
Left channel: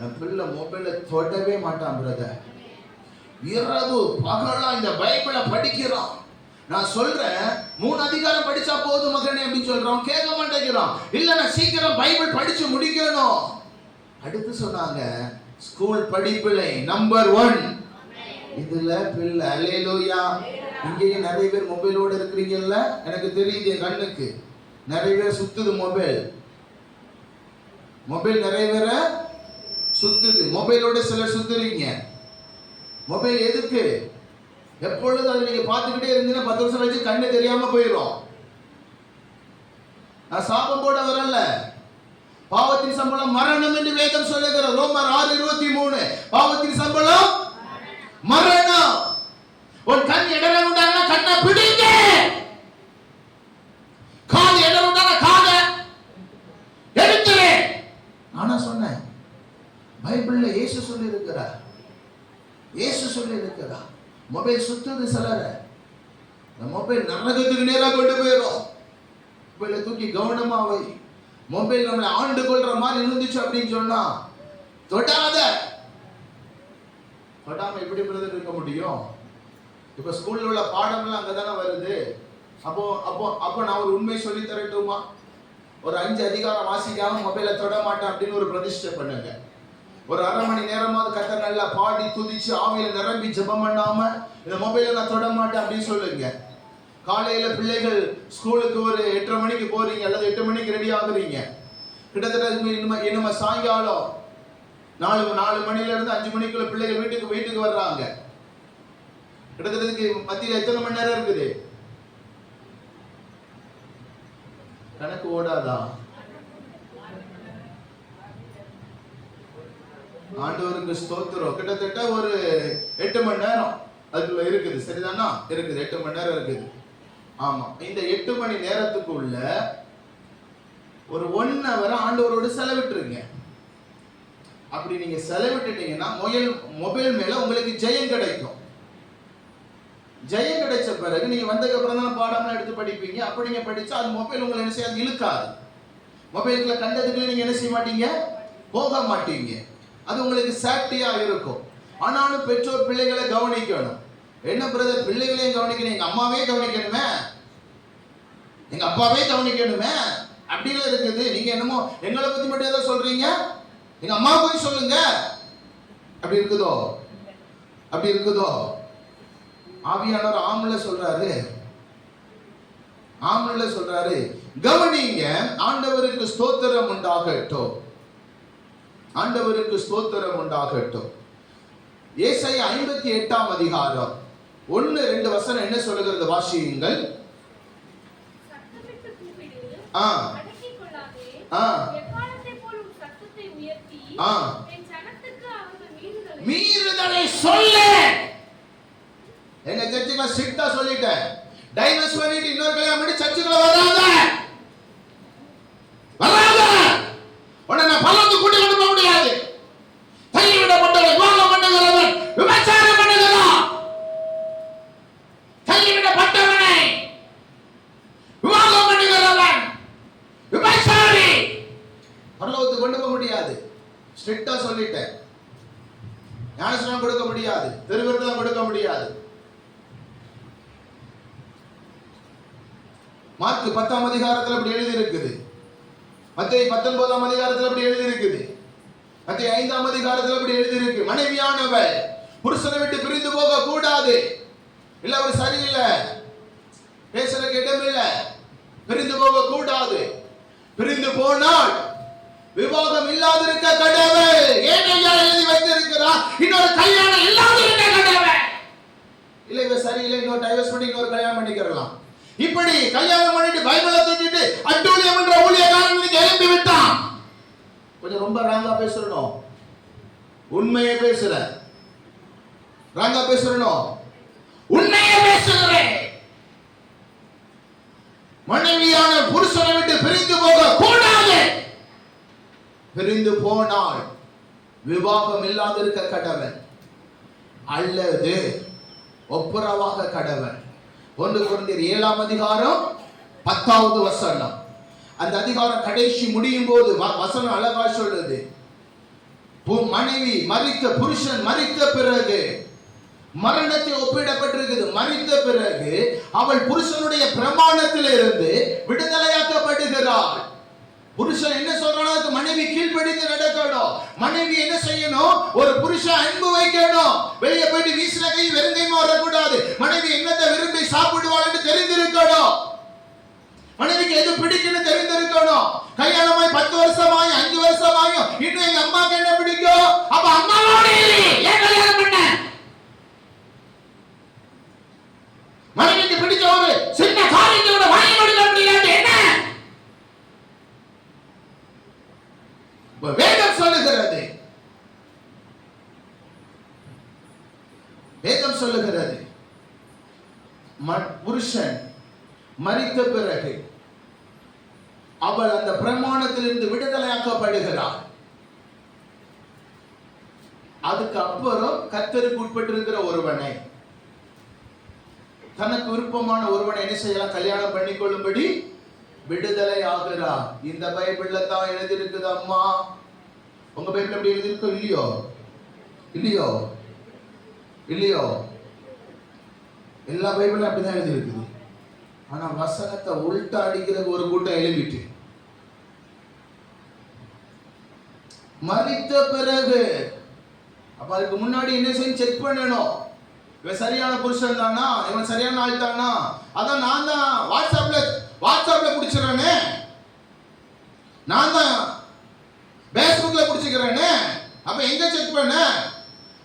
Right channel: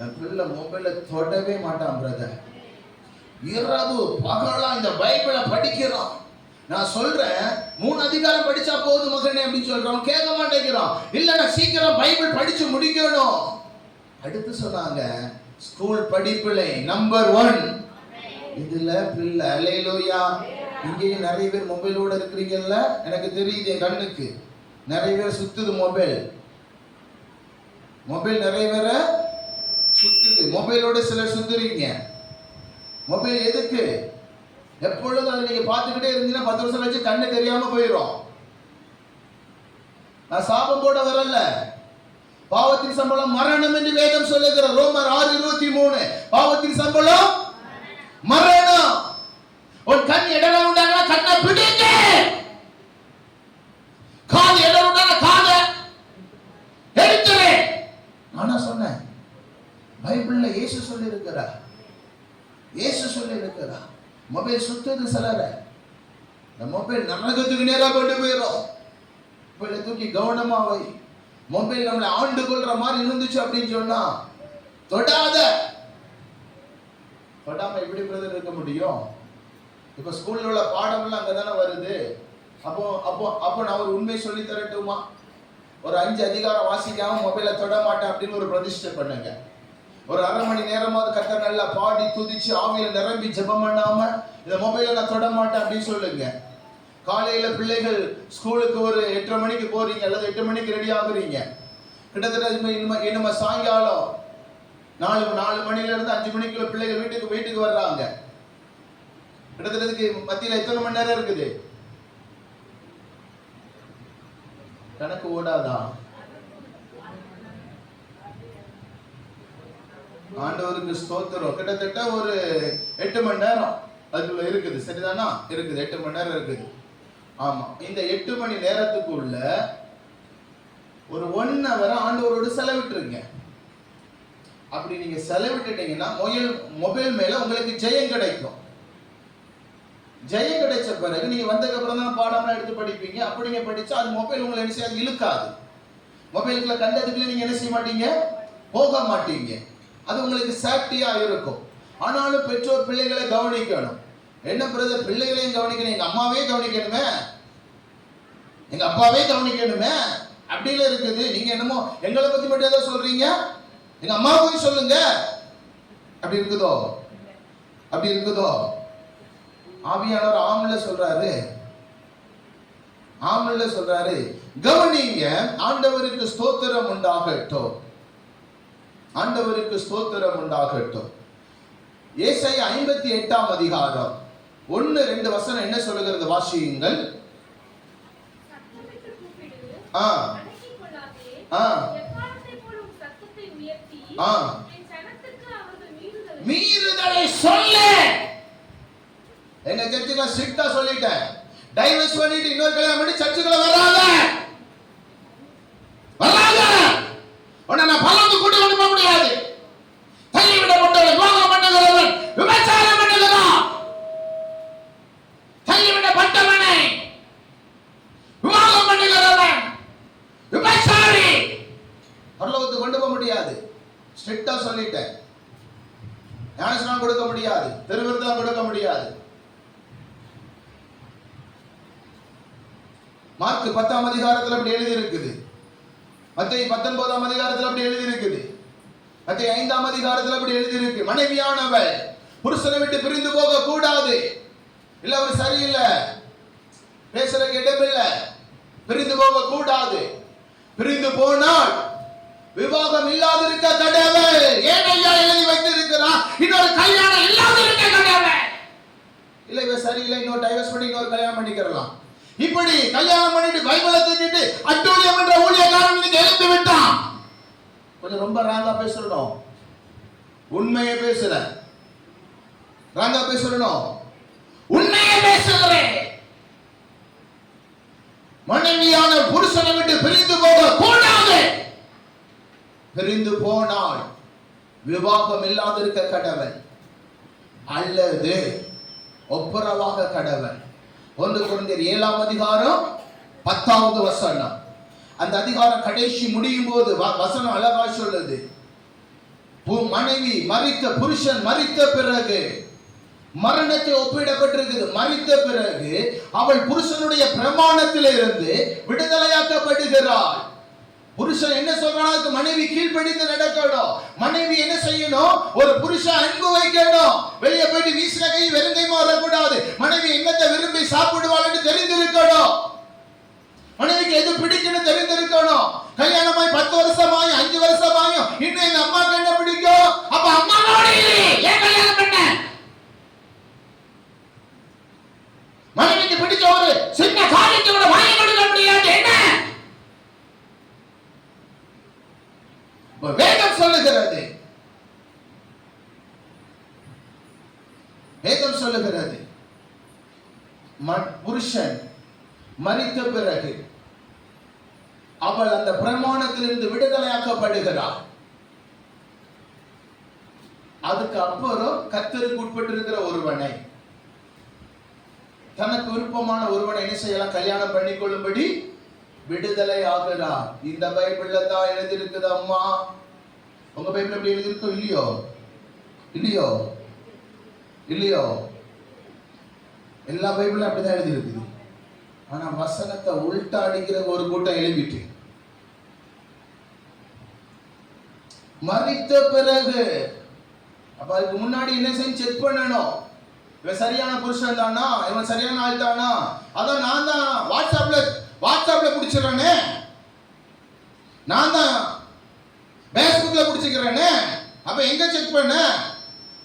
என் பிள்ளை மொபைலை தொடவே மாட்டான் பிரதர். இரவு பகலா இந்த பைபிளை படிக்கிறான். நான் சொல்றேன் 3 அதிகாரம் படிச்சா போதும் மகனே அப்படின்னு சொல்றோம், கேட்க மாட்டேங்கிறான். இல்ல நான் சீக்கிரம் பைபிள் படிச்சு முடிக்கணும். அடுத்து சொன்னாங்க ஸ்கூல் படிப்பிலே நம்பர் 1 இதுல பிள்ளை. அல்லேலூயா. இங்கேயே நிறைய பேர் மொபைலோட இருக்கிறீங்கல்ல, எனக்கு தெரியுது, என் கண்ணுக்கு நிறைய பேர் சுத்துது மொபைல். நிறைய பேர சுத்துது மொபைலோட. சிலர் சுத்துறீங்க. மொபைல் எதுக்கு? எப்பொழுதும் அதை நீங்க பார்த்துக்கிட்டே இருந்தீங்கன்னா 10 வருஷம் வச்சு கண்ணு தெரியாம போயிடும். நான் சாபம் போட வரல. பாவத்தின் சம்பளம் மரணம் என்று வேதம் சொல்லுகிற ரோமர் 6:23. பாவத்தின் சம்பளம் மரணம். உன் கண் இடற உண்டானா கண்ணை பிடிங்க, காது இடற உண்டானா காதை எடுத்துரு. நானா சொன்னேன்? பைபிள்ல இயேசு சொல்லி இருக்கிறார். மொபைல் சுத்துது சிலர. இந்த மொபைல் நரகத்துக்கு நேரா கொண்டு போயிடும். மொபைலை தூக்கி கவனமா வை. மொபைல் நம்மளை ஆண்டு கொள்ற மாதிரி இருந்துச்சு அப்படின்னு சொன்னா தொடாம எப்படி பிரதர் இருக்க முடியும்? இப்ப ஸ்கூல்ல உள்ள பாடம்லாம் அங்கதானே வருது. அப்போ நான் ஒரு உண்மை சொல்லி தரட்டுமா? ஒரு 5 அதிகாரம் வாசிக்காம மொபைலை தொட மாட்டேன் அப்படின்னு ஒரு பிரதிஷ்டை பண்ணுங்க. ஒரு 1/2 மணி நேரமாவது கர்த்தர் நல்லா பாடி துதிச்சு ஆவியில நிரம்பி ஜெபம் பண்ணாம இந்த மொபைலை நான் தொட மாட்டேன் அப்படின்னு சொல்லுங்க. காலையில பிள்ளைகள் ஸ்கூலுக்கு ஒரு 8:30 மணிக்கு போறீங்க அல்லது 8 மணிக்கு ரெடி ஆகுறீங்க. கிட்டத்தட்ட நம்ம சாயங்காலம் 4 மணில இருந்து 5 மணிக்குள்ள பிள்ளைகள் வீட்டுக்கு வர்றாங்க. கிட்டத்தட்ட மத்தியில எத்தனை மணி நேரம் இருக்குது? கணக்கு ஓடாதா? ஆண்டவருக்கு ஸ்தோத்திரம். கிட்டத்தட்ட ஒரு 8 மணி நேரம் அதுக்குள்ள இருக்குது. சரிதானா? இருக்குது. 8 மணி நேரம் இருக்குது. ஆமா. இந்த 8 மணி நேரத்துக்குள்ள ஒரு 1 hour ஆண்டவரோடு செலவிட்டுருங்க. அப்படி நீங்க செலவிட்டுட்டீங்கன்னா மொபைல் மேல உங்களுக்கு ஜெயம் கிடைக்கும். ஜெயம் கிடைச்ச பிறகு நீங்க வந்ததுக்கு அப்புறம் தான் பாடம்லாம் எடுத்து படிப்பீங்க. அப்படிங்க படிச்சா அது மொபைல் உங்களை என்ன செய்யாது? இழுக்காது. மொபைலுக்குள்ள கண்டதுக்குள்ள நீங்க என்ன செய்ய மாட்டீங்க? போக மாட்டீங்க. அது உங்களுக்கு சேஃப்டியா இருக்கும். ஆனாலும் பெற்றோர் பிள்ளைகளை கவனிக்கணும். என்ன பிரதர், பிள்ளைகளையும் கவனிக்கணும், எங்க அம்மாவே கவனிக்கணுமே, எங்க அப்பாவே கவனிக்கணுமே அப்படின்னு இருக்குது. நீங்க என்னமோ எங்களை பத்தி மட்டும் ஏதோ சொல்றீங்க, எங்க அம்மா போய் சொல்லுங்க. அப்படி இருக்குதோ? ஆவியானவர் ஆமல்ல சொல்றாரு, கவனிங்க. ஆண்டவருக்கு ஸ்தோத்திரம் உண்டாகட்டும். ஏசாயா 58 அதிகாரம் 1-2 வசனம் என்ன சொல்லுகிறது? வாசியுங்கள். மீறுதலை சொல்லு. எங்க சர்ச்சுல ஸ்ட்ரிக்ட்டா சொல்லிட்டேன், டைவர்ஸ் பண்ணிட்டு இன்னொரு கல்யாணம் பண்ணி சர்ச்சுக்குள்ள வராத. உடனே நான் பலந்து கூட்டி கொண்டு போக முடியாது. தள்ளிவிடப்பட்டவன் விவாகம் பண்ணுகிறவன் விபச்சாரம் பண்ணுகிறான். தள்ளிவிடப்பட்டவனை விவாகம் பண்ணுகிறவன் விபச்சாரி. பரலோகத்துக்கு கொண்டு போக முடியாது. ஸ்ட்ரிக்ட்டா சொல்லிட்டேன். ஞானஸ்நானம் கொடுக்க முடியாது, பெருவிருத்தம் கொடுக்க முடியாது. மார்க் 10 அதிகாரத்தில் அப்படி எழுதி இருக்குது. மத்தேயு 19 அதிகாரத்தில் அப்படி எழுதி இருக்குது. மத்தேயு 5 அதிகாரத்தில் அப்படி எழுதி இருக்கு. மனைவியானவள் புருஷனை விட்டு பிரிந்து போக கூடாது. இல்ல அவர் சரியில்லை, பேசுறதுக்கு இடமில்லை, பிரிந்து போக கூடாது. பிரிந்து போனால் விவாகம் இல்லாதிருக்க கடவை. ஏன் ஐயா எழுதி வைத்திருக்கிறான்? இன்னொரு கல்யாணம் இல்லாதிருக்க கடவை. இல்ல இவ சரியில்லை, இன்னொரு டைவர்ஸ் பண்ணி இன்னொரு கல்யாணம் பண்ணிக்கிறலாம். இப்படி கல்யாணம் பண்ணிட்டு பைபிளை தூக்கிட்டு அட்டூழியம் என்ற ஊழியக்காரன் எழுப்பி விட்டான். கொஞ்சம் ரொம்ப ராங்கா பேசணும். உண்மையை பேசுறேன். ராங்கா பேசணும். உண்மையை பேசுகிறேன். மனைவியான புருஷனை விட்டு பிரிந்து போக கூடாது. பிரிந்து போனால் விவாகம் இல்லாதிருக்க கடவன் அல்லது ஒப்புரவாக கடவன். 1 கொரிந்தியர் 7ஆம் அதிகாரம் 10வது வசனம். அந்த அதிகாரம் கடைசி முடியும் போது வசனம் அழகா சொல்லுது, மனைவி மரித்த, புருஷன் மரித்த பிறகு, மரணத்தை ஒப்பிடப்பட்டிருக்குது, மரித்த பிறகு அவள் புருஷனுடைய பிரமாணத்திலிருந்து விடுதலையாக்கப்படுகிறாள். புருஷன் என்ன சொல்றானோ மனைவி கீழ்ப்படிந்து நடக்கணும். மனைவி என்ன செய்யணும்? ஒரு புருஷன் அன்பு வைக்கணும். வெளியே போயிட்டு வீசின கை வெறுங்கைமா வரக்கூடாது. மனைவி என்னத்தை விரும்பி சாப்பிடுவாள் என்று தெரிந்திருக்கணும். மனைவிக்கு எது பிடிக்குன்னு தெரிந்திருக்கணும். கல்யாணமாய் 10 வருஷமாய் 5 வருஷமாயும் இன்னும் எங்க அம்மாக்கு என்ன பிடிக்கும்? அப்ப அம்மாவோட ஏன் கல்யாணம் பண்ண? மனைவிக்கு பிடிச்ச ஒரு சின்ன காரியத்தை கூட வாங்கி கொடுக்க முடியாது. என்ன வேதம் சொல்லுகிறது? வேதம் சொல்லுகிறது புருஷன் மரித்த பிறகு அவள் அந்த பிரமாணத்திலிருந்து விடுதலையாக்கப்படுகிறாள். அதுக்கு அப்புறம் கர்த்தருக்கு உட்பட்டிருக்கிற ஒருவனை, தனக்கு விருப்பமான ஒருவனை என்ன செய்யலாம்? கல்யாணம் பண்ணிக்கொள்ளும்படி விடுதலை ஆகிறார். இந்த பைபிள்ல தான் எழுதியிருக்குது. அம்மா, உங்க பைபிள் எப்படி எழுதியிருக்கோ? இல்லையோ இல்லையோ இல்லையோ எல்லா பைபிளும் அப்படிதான் எழுதியிருக்குது. ஆனா வசனத்தை உள்டா அடிக்கிற ஒரு கூட்டம் எழுதிட்டு, மரித்த பிறகு அப்ப அதுக்கு முன்னாடி என்ன செய்ய செக் பண்ணணும். இவன் சரியான புருஷன் தானா? இவன் சரியான ஆள் தானா? அதான் நான் தான் வாட்ஸ்அப்ல பிடிச்சிடறேனே, நான் தான் பேஸ்புக்ல பிடிச்சிக்கிறேனே. அப்ப எங்க செக் பண்ண?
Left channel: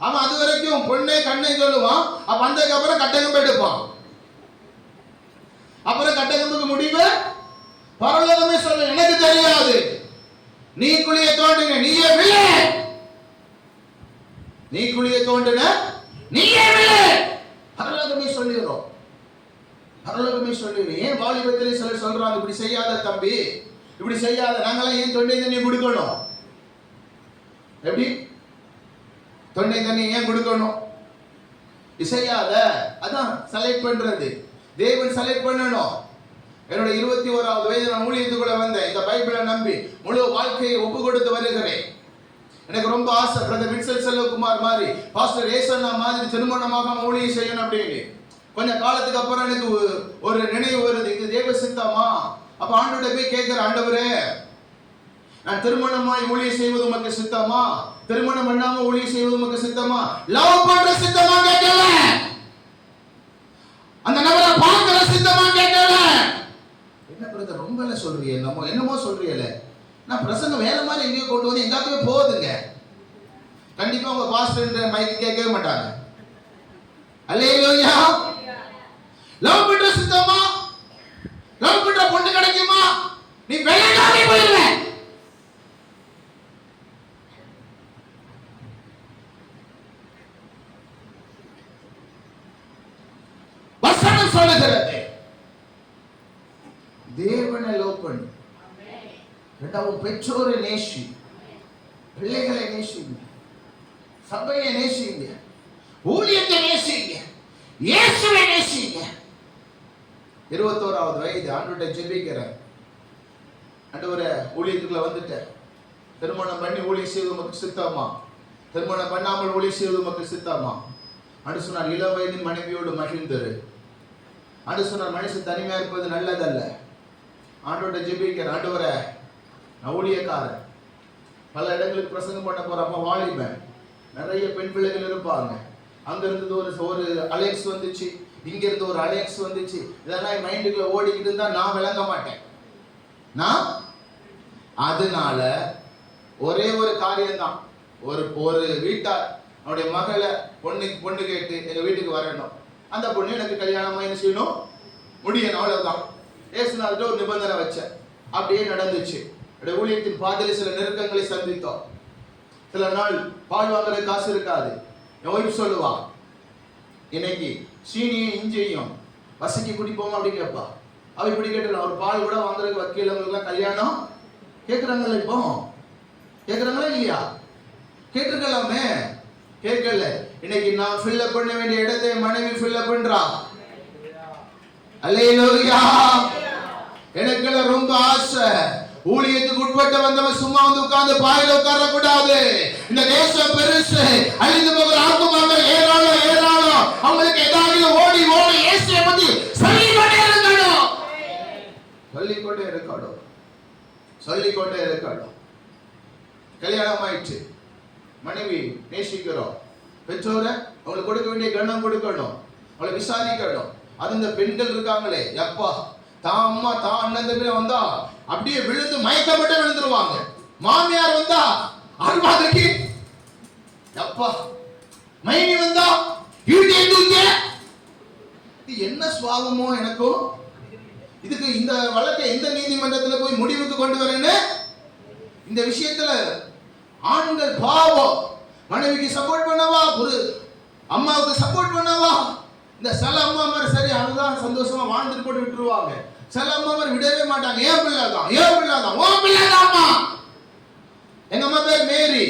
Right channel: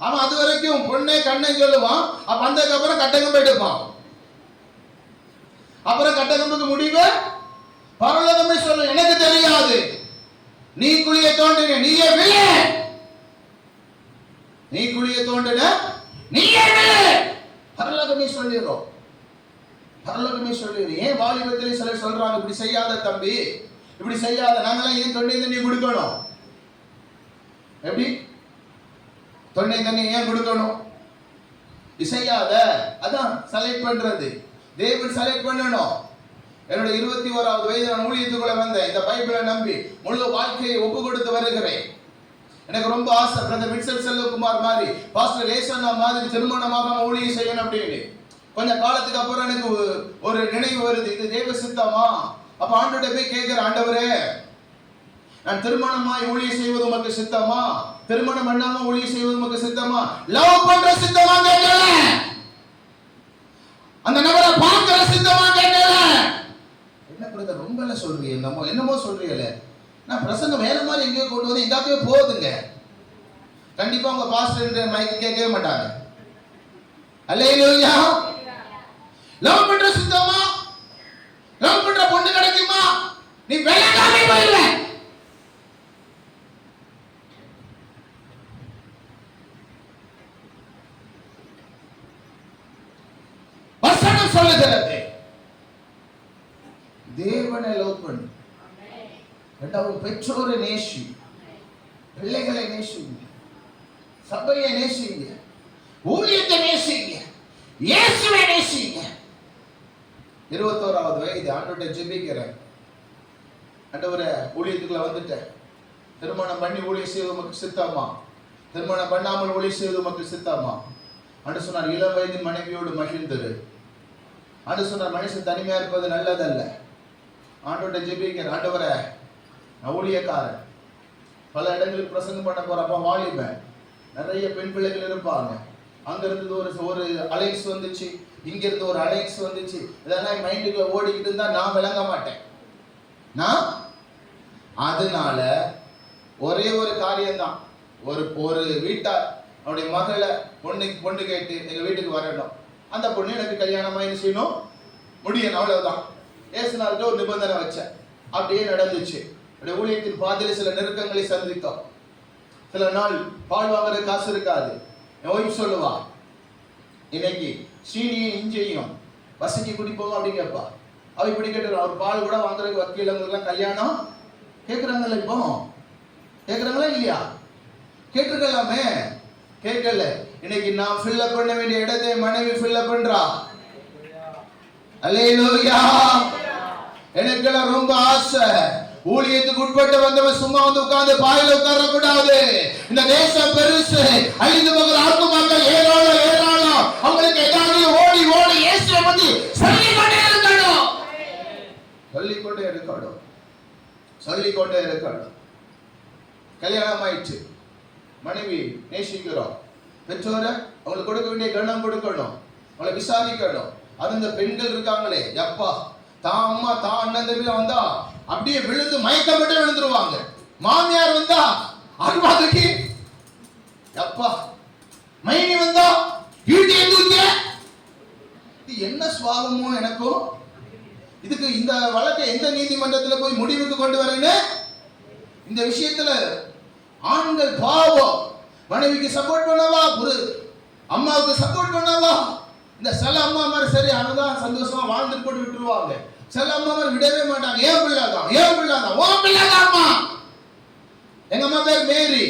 அவன் அது வரைக்கும் பொண்ணே கண்ணே சொல்லுவான். அப்ப வந்ததுக்கு அப்புறம் கட்டகம் எடுப்பான். அப்புறம் கட்டகம்புக்கு முடிவு பரலோகமே சொல்ல, எனக்கு தெரியாது, நீ குழியை தோண்டின நீயே விழு, நீ குழியை தோண்டின நீயே விழு. பரலோகமே சொல்லிடுறோம். பரலோகமே சொல்லிடுறோம். ஏன் வாலிபத்திலே சிலர் சொல்றாங்க, இப்படி செய்யாத தம்பி, இப்படி செய்யாத, நாங்களாம் ஏன் தொண்டை தண்ணி கொடுக்கணும்? எப்படி தொண்டை தண்ணி ஏன் கொடுக்கணும்? செய்யாத, அதான் செலக்ட் பண்றது. தேவன் செலக்ட் பண்ணணும். என்னோட 21வது வயது நான் ஊழியத்துக்குள்ள வந்தேன். இந்த பைபிளை நம்பி முழு வாழ்க்கையை ஒப்பு கொடுத்து வருகிறேன். எனக்கு ரொம்ப ஆசை, பிரதர் வின்சென்ட் செல்வகுமார் மாதிரி, பாஸ்டர் ஏசன்னா மாதிரி திருமணமாக ஊழியம் செய்யணும் அப்படின்னு. கொஞ்ச காலத்துக்கு அப்புறம் எனக்கு ஒரு நினைவு வருது, இது தேவ சித்தமா? அப்ப ஆண்டவர்கிட்ட போய் கேட்கிற, ஆண்டவரே, நான் திருமணமாய் ஊழியம் செய்வது உமக்கு சித்தமா? திருமணம் பண்ணாம ஊழியம் செய்வது உமக்கு சித்தமா? லவ் பண்ற சித்தமா கேட்கல, அந்த நபரை பார்க்கிற சித்தமா கேட்கல. என்ன பிரதர் ரொம்ப சொல்றீங்க, என்னமோ சொல்றீங்கல? நான் பிரசங்கம் வேற மாதிரி எங்கேயோ கொண்டு வந்து எங்காக்கவே போகுதுங்க. கண்டிப்பா உங்க பாஸ்டர் மைக்கு கேட்கவே மாட்டாங்க. அல்லேலூயா. லவ் பண்ற சித்தமா? லவ் பண்ற பொண்ணு கிடைக்குமா? நீ வேலைக்காவே போயிடுவ. வசனம் சொல்லுகிறது, தேவனை லவ் பண்ணு. இரண்டாவது, பெற்றோரை நேசி, பிள்ளைகளை நேசிங்க, சபையை நேசிங்க, ஊழியத்தை நேசிங்க, இயேசுவை நேசிங்க. 21வது வயது ஆண்டவர்கிட்ட ஜெபிக்கிறேன், ஆண்டவரே, ஊழியத்துக்குள்ள வந்துட்டேன், திருமணம் பண்ணி ஊழியம் செய்வது உமக்கு சித்தமா? திருமணம் பண்ணாமல் ஊழியம் செய்வது உமக்கு சித்தமா? ஆண்டு சொன்னார், இளம் வயதின் மனைவியோடு மகிழ்ந்திரு. ஆண்டு சொன்னார், மனுஷன் தனிமையா இருப்பது நல்லதல்ல. ஆண்டவர்கிட்ட ஜெபிக்கிறேன், ஆண்டவரே, நான் ஊழியக்காரன், பல இடங்களுக்கு பிரசங்கம் பண்ண போறப்ப வாலிபன், நிறைய பெண் பிள்ளைகள் இருப்பாங்க. அங்க இருந்து ஒரு அலைக்ஸ் வந்துச்சு, இங்க இருந்து ஒரு அலைக்ஸ் வந்துச்சு. இதெல்லாம் மைண்டுக்குள்ள ஓடிக்கிட்டு இருந்தா நான் விளங்க மாட்டேன். நான் அதனால ஒரே ஒரு காரியம்தான், ஒரு வீட்டார் அவருடைய மகளை பொண்ணு கேட்டு எங்க வீட்டுக்கு வரணும். அந்த பொண்ணு எனக்கு கல்யாணம் என்ன செய்யணும், முடியணும், அவ்வளவுதான். ஏசுநாதர் ஒரு நிபந்தனை வச்சேன், அப்படியே நடந்துச்சு. ஊழியத்தின் பாதையில சில நெருக்கங்களை சந்தித்தோம். சில நாள் பால் வாங்குற காசு இருக்காது. என் ஒய்ஃப் சொல்லுவா, இன்னைக்கு சீனியும் இஞ்சியும் வசக்கி குடிப்போம் அப்படின்னு கேட்பா. அவ இப்படி கேட்டு ஒரு பால் கூட வாங்குறதுக்கு வக்கீலவங்களுக்குலாம் கல்யாணம் கேட்குறாங்களே, இப்போ கேட்குறாங்களா இல்லையா? கேட்டுருக்கலாமே, கேட்கல. இன்னைக்கு நான் ஃபில்லப் பண்ண வேண்டிய இடத்தை மனைவி ஃபில்லப் பண்றா. அல்லேலூயா. எனக்கெல்லாம் ரொம்ப ஆசை, ஊழியத்துக்கு உட்பட்டு வந்தவன் சும்மா வந்து உட்கார்ந்து பாயில உட்கார கூடாது. இந்த தேசம் பெருசு, அழிந்து போகிற ஆத்துமாக்கள் ஏராளம் ஏராளம். அவங்களுக்கு ஏதாவது ஓடி ஓடி இயேசுவை பத்தி சொல்லிக்கொண்டே இருக்கணும், சொல்லிக்கொண்டே இருக்கணும், சொல்லிக்கொண்டே இருக்கணும். கல்யாணம் ஆயிடுச்சு, மனைவி நேசிக்கிறோம், பெற்றோரை அவங்களுக்கு கொடுக்க வேண்டிய கவனம் கொடுக்கணும், அவங்களை விசாரிக்கணும். அது இந்த பெண்கள் இருக்காங்களே, எப்பா தான் அம்மா தான் அண்ணன் தம்பி வந்தா அப்படியே விழுந்து மயக்கப்பட்டு விழுந்துருவாங்க. மாமியார் வந்தா அருவாதைக்கு எப்பா, மைனி வந்தா வீட்டை தூக்க. இது என்ன சுவாபமோ எனக்கும். இதுக்கு இந்த வழக்கை எந்த நீதிமன்றத்தில் போய் முடிவுக்கு கொண்டு வரேன்னு இந்த விஷயத்துல ஆண்கள் பாவம். மனைவிக்கு சப்போர்ட் பண்ணவா, அம்மாவுக்கு சப்போர்ட் பண்ணவா. இந்த சில அம்மா மாதிரி சரி அதுதான் சந்தோஷமா வாழ்ந்துட்டு போட்டு விட்டுருவாங்க. சில அம்மா மாதிரி விடவே மாட்டாங்க. ஏன் பிள்ளைதான், ஏன் பிள்ளைதான், ஓ பிள்ளைதாம்மா. எங்க அம்மா பேர் மேரி,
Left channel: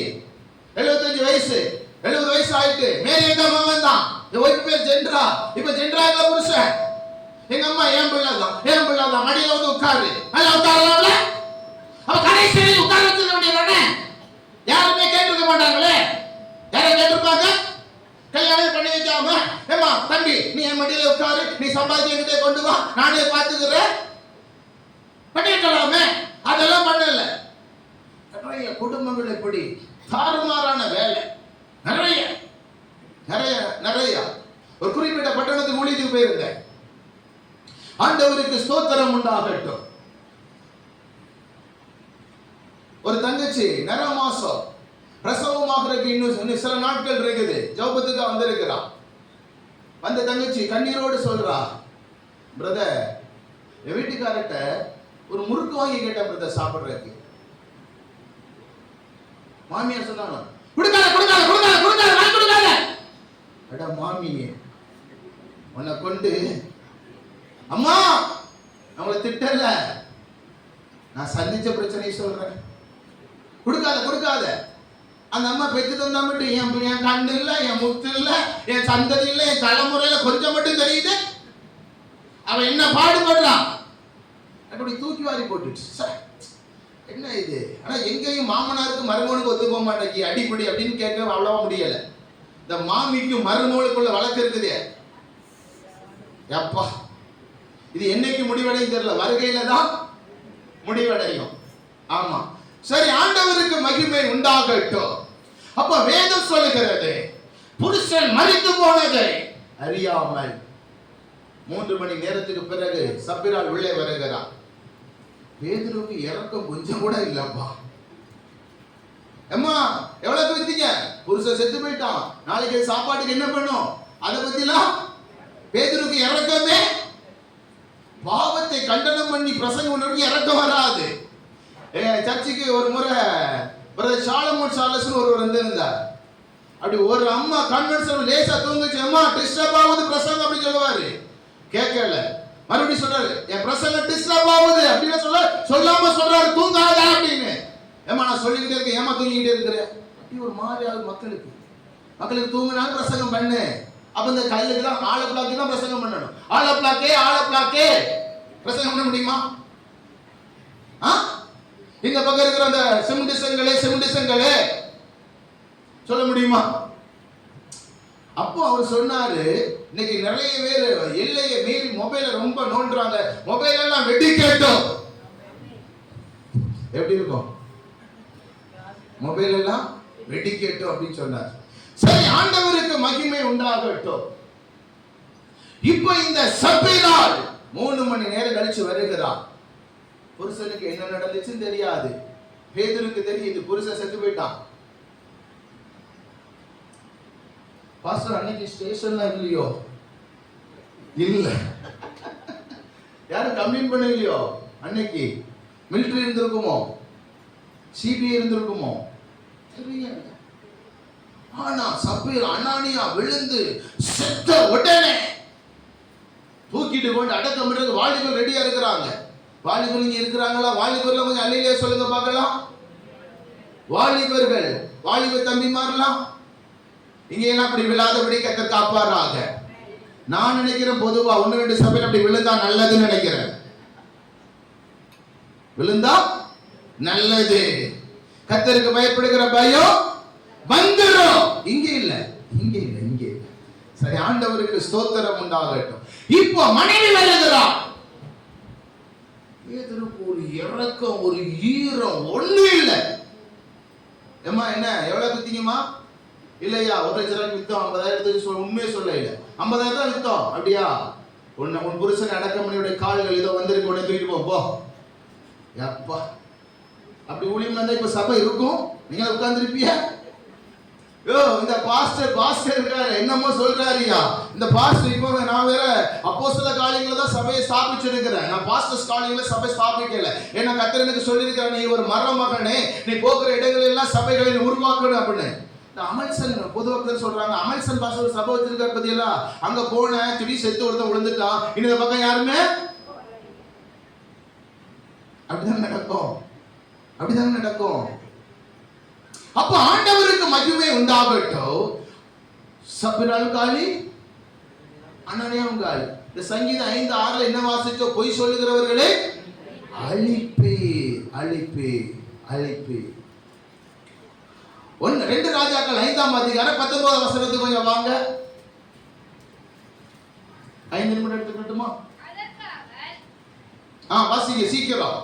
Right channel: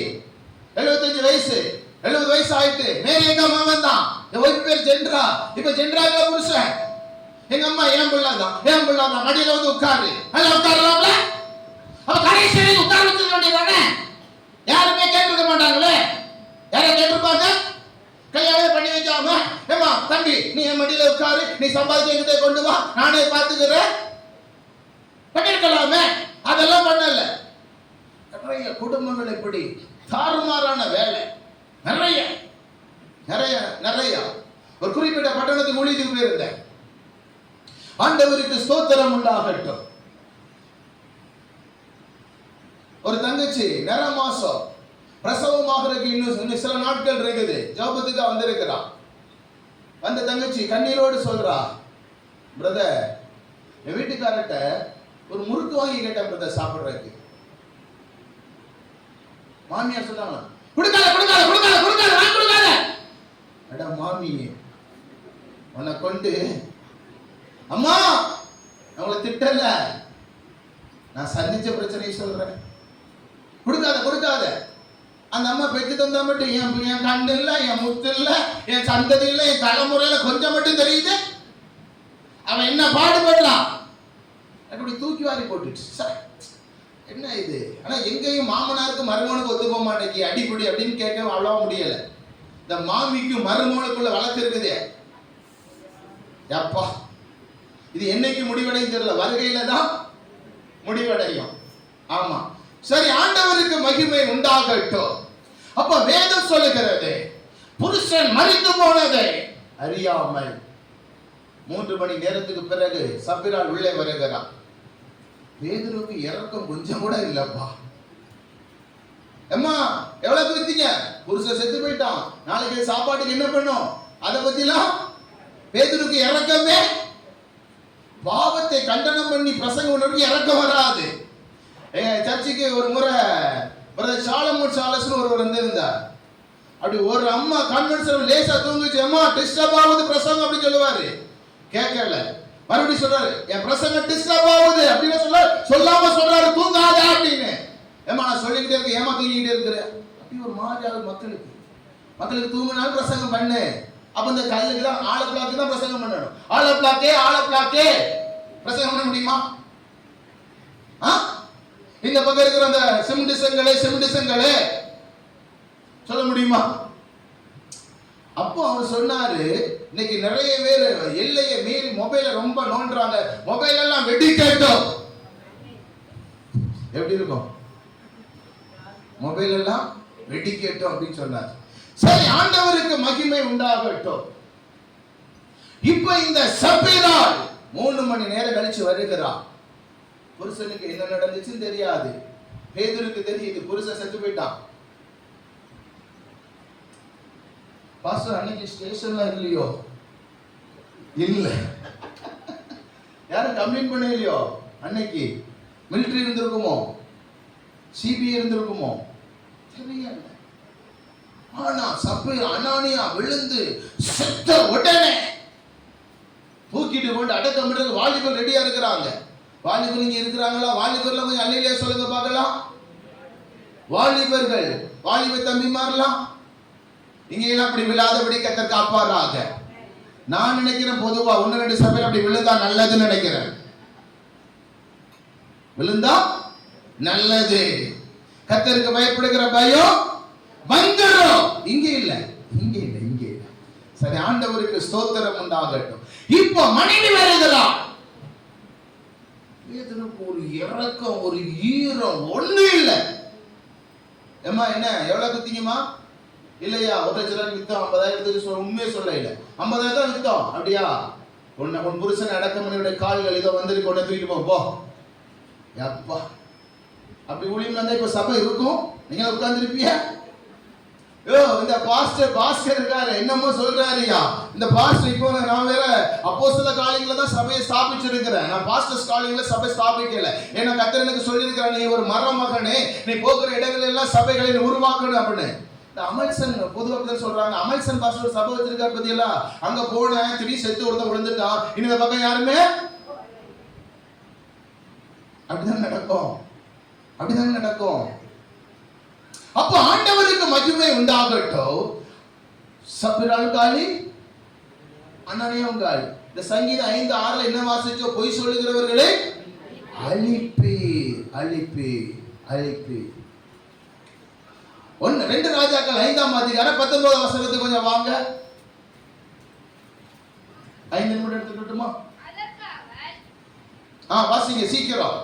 75 வயசு, 70 வயசு ஆயிட்டு. மேரி எங்க அம்மா வந்தான். என் ஒய்ஃப் பேர் ஜென்ரா, இப்ப ஜென்ரா எங்க புருஷன். எங்க அம்மா ஏன் பிள்ளைதான், ஏன் பிள்ளைதான். மடியில வந்து உட்காரு, நல்லா உட்காரலாம்ல. அவ கடைசி உட்கார வச்சிருக்க வேண்டியதானே. யாருமே கேட்டுக்க மாட்டாங்களே. யாரை கேட்டிருப்பாங்க? கல்யாணம் பண்ணி வைக்காம, ஏமா தம்பி நீ என் மடியில உட்காரு, நீ சம்பாதிச்சு என்கிட்ட கொண்டு வா, நானே பார்த்துக்கிறேன் பண்ணிருக்கலாமே. அதெல்லாம் பண்ணல. நிறைய குடும்பங்கள் இப்படி தாறுமாறான வேலை, நிறைய நிறைய நிறைய. ஒரு குறிப்பிட்ட பட்டணத்துக்கு ஊழியத்துக்கு போயிருந்தேன். ஆண்டவருக்கு ஸ்தோத்திரம் உண்டாகட்டும். ஒரு தங்கச்சி நிற மாசம் பிரசவமாகிறதுக்கு இன்னும் சில நாட்கள் இருக்குது. ஜோபத்துக்கு வந்திருக்கிறான். வந்த தங்கச்சி கண்ணீரோடு சொல்றா, பிரதர் என் வீட்டுக்காரட்ட ஒரு முறுக்கு வாங்கி கேட்டேன் பிரதர் சாப்பிடுறதுக்கு. மாமியார் சொன்னாங்க, கொடுக்காத கொடுக்காத கொடுக்காத கொடுக்காத வாங்கி கொடுக்காத. அட மாமி உன்னை கொண்டு, அம்மா அவங்கள திட்டல, நான் சந்திச்ச பிரச்சனையை சொல்றேன். கொடுக்காத கொடுக்காத. அந்த அம்மா பெற்று தந்தா மட்டும் என் கண்ணு இல்ல, என் முத்து இல்ல, என் சந்ததி இல்ல, என் தலைமுறையில கொஞ்சம் மட்டும் தெரியுது. அவன் என்ன பாடுபடுறான். அப்படி தூக்கி வாரி போட்டுட்டு என்ன இது. ஆனா எங்கேயும் மாமனாருக்கு மருமகனுக்கு ஒத்து போக மாட்டேங்கி அடிப்படி அப்படின்னு கேட்க அவ்வளவா முடியல. இந்த மாமிக்கும் மருமகனுக்குள்ள வழக்கு இருக்குது. எப்பா இது என்னைக்கு முடிவடையும் தெரியல, வருகையில தான் முடிவடையும். ஆமா சரி, ஆண்டவருக்கு மகிமை உண்டாகட்டும். அப்ப வேதம் சொல்லுகிறது, புருஷன் மரித்து போனதை அறியாமல் 3 மணி நேரத்துக்கு பிறகு சப்பிரால் உள்ளே வருகிறான். பேதுருவுக்கு இறக்கம் கொஞ்சம் கூட இல்லப்பா. அம்மா எவ்வளவு வித்தீங்க? புருஷன் செத்து போயிட்டான், நாளைக்கு சாப்பாட்டுக்கு என்ன பண்ணும், அதை பத்திலாம் பேதுருக்கு இறக்கமே. பாவத்தை கண்டனம் பண்ணி பிரசங்கம் பண்ணி இறக்கம் வராது. சர்ச்சுக்கு ஒரு முறை பிரதர் சாலமோன் சாலஸ்னு ஒருவர் வந்திருந்தார். அப்படி ஒரு அம்மா கான்வென்ஷன் லேசா தூங்குச்சு, அம்மா டிஸ்டர்ப் ஆகுது பிரசங்கம் அப்படி சொல்லுவாரு. கேட்கல, மறுபடியும் சொல்றாரு, என் பிரசங்கம் டிஸ்டர்ப் ஆகுது அப்படின்னு சொல்லாம சொல்றாரு, தூங்காத அப்படின்னு. ஏமா நான் சொல்லிக்கிட்டே இருக்கேன், ஏமா தூங்கிக்கிட்டே இருக்கிறேன் அப்படி ஒரு மாதிரியாவது மக்களுக்கு தூங்கினாலும் பிரசங்கம் பண்ணு. அப்ப இந்த கல்லுக்கு தான் ஆள பிளாக்கு தான் பிரசங்கம் பண்ணணும். ஆள பிளாக்கே பிரசங்கம் பண்ண முடியுமா? இந்த பக்கம் இருக்கிற அந்த சிமிண்டிசங்களே சொல்ல முடியுமா? அப்போ அவர் சொன்னாரு, இன்னைக்கு நிறைய பேர் எல்லையை மீறி மொபைல ரொம்ப நோண்டுறாங்க, மொபைல் எல்லாம் வெடி கேட்டோம். எப்படி இருக்கும்? மொபைல் எல்லாம் வெடி கேட்டோம் அப்படின்னு சொன்னார். சரி, ஆண்டவருக்கு மகிமை உண்டாகட்டும். இப்போ இந்த சப்பீரால் 3 மணி நேரம் கழிச்சு வருகிறான். புருஷனுக்கு என்ன நடந்துச்சுன்னு தெரியாது, பேதுருக்கு தெரியுது, புருஷன் செத்து போயிட்டான். பாஸ்டர் அன்னைக்கு ஸ்டேஷன்ல இல்லையோ? இல்ல. யாரும் கம்ப்ளைண்ட் பண்ணலையோ? அன்னைக்கு மிலிட்டரி இருந்திருக்குமோ, சிபிஐ இருந்திருக்குமோ தெரியல. ஆனா சப்பீர் அனானியா விழுந்து செத்த உடனே தூக்கிட்டு கொண்டு அடக்கம் பண்றது வாலிபர் ரெடியா இருக்கிறாங்க. வாலிபர் இங்க இருக்கிறாங்களா? வாலிபர்ல கொஞ்சம் அல்லையிலே சொல்லுங்க பார்க்கலாம். வாலிபர்கள், வாலிப தம்பிமாரலாம் இங்க எல்லாம் அப்படி விழாதபடி கர்த்தர் காப்பாராக. நான் நினைக்கிறேன் பொதுவா 1-2 சபையில் அப்படி விழுந்தா நல்லதுன்னு நினைக்கிறேன். விழுந்தா நல்லது. கர்த்தருக்கு பயப்படுகிற பயம் வந்துரும். இங்க இல்ல, இங்க இல்ல, இங்க இல்ல. சரி, ஆண்டவருக்கு ஸ்தோத்திரம் உண்டாகட்டும். இப்போ மனைவி வருகிறார். பேதுருக்கு ஒரு இரக்கம், ஒரு ஈரம் ஒண்ணு இல்ல. ஏமா என்ன எவ்வளவு குத்திங்கம்மா? இல்லையா, 1,00,000 வித்தோம், 50,000 உண்மையே சொல்ல இல்ல, 50,000 தான் வித்தோம். அப்படியா? உன் புருஷன் அடக்கமணியுடைய கால்கள் இதோ வந்திருக்கு, உடனே தூக்கிட்டு போ. அப்பா, அப்படி ஊழியம் வந்தா இப்ப சபை இருக்கும்? நீங்க உட்கார்ந்துருப்பியா? இந்த பாஸ்டர் இருக்காரு, என்னமோ சொல்றாருயா. இந்த பாஸ்டர் இப்போ நான் வேற அப்போஸ்தல காலங்கள்ல தான் சபையை ஸ்தாபிச்சிருக்கிறேன். நான் பாஸ்டர்ஸ் காலங்கள்ல சபை ஸ்தாபிக்கல. ஏன்னா கர்த்தர் எனக்கு சொல்லியிருக்கிறார், நீ ஒரு மரமகனே, நீ போகிற இடங்கள் எல்லாம் சபைகளை உருவாக்கணும் அப்படின்னு. அமல்சன் பொதுவாக சொல்றாங்க, அமல்சன் பாஸ்டர் சபை வச்சிருக்காரு பத்தியெல்லாம். அங்க போன திடீர் செத்து ஒருத்தன் விழுந்துட்டான். இந்த பக்கம் யாருமே அப்படிதான் நடக்கும், அப்படிதான் நடக்கும். அப்ப ஆண்டவருக்கு மகிமை உண்டாகட்டும். சப்பிரால் காலி, அனனியாவும் காலி. இந்த சங்கீதம் 5:6 என்ன வாசிச்சோ? பொய் சொல்லுகிறவர்களே அழிப்பே, அழிப்பே, அழிப்பே. 2 ராஜாக்கள் 5ஆம் அதிகாரம் 19ஆம் வசனத்துக்கு கொஞ்சம் வாங்க. 5 நிமிடம் எடுத்துக்கிட்டுமா? வாசிங்க சீக்கிரம்.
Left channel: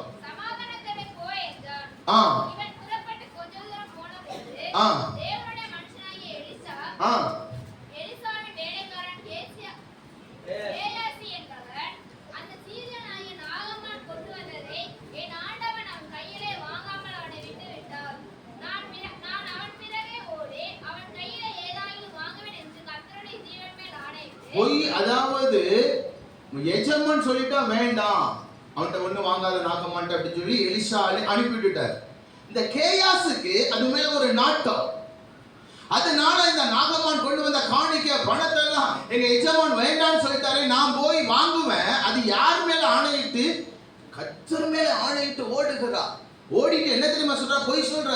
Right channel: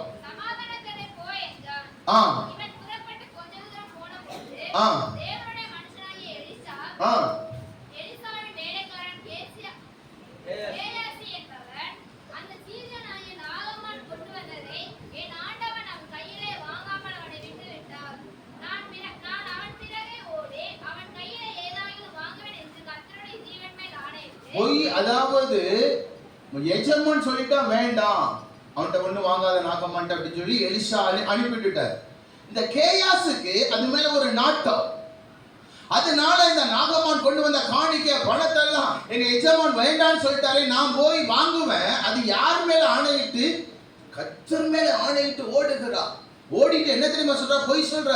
தேவனுடைய மனுஷனாகிய எலிசா எலிசாவின் வேலைக்காரன் கேயாசி என்பவன் அந்த சீரியனாகிய நாகமான் கொண்டு வந்ததை என் ஆண்டவன் அவன் கையிலே வாங்காமல் அவனை விட்டு விட்டார். நான் அவன் பிறகே ஓடி அவன் கையிலே ஏதாயிலும் வாங்குவேன் என்று கர்த்தருடைய ஜீவன் மேல் ஆணையிட்டு. பொய், அதாவது எஜமான் சொல்லிட்டா வேண்டாம், அவன்கிட்ட ஒண்ணு வாங்காத நாகமான் அப்படின்னு சொல்லி எலிசா அனுப்பிவிட்டார். இந்த கேயாசுக்கு அது மேல ஒரு நாட்டம். அதனால இந்த நாகமான் கொண்டு வந்த காணிக்க பணத்தை எல்லாம் எங்க எஜமான் வேண்டான்னு சொல்லிட்டாரு, நான் போய் வாங்குவேன். அது யார் மேல ஆணையிட்டு? கர்த்தர் மேல ஆணையிட்டு ஓடுகிறார். ஓடிட்டு என்ன தெரியுமா சொல்ற? பொய் சொல்ற.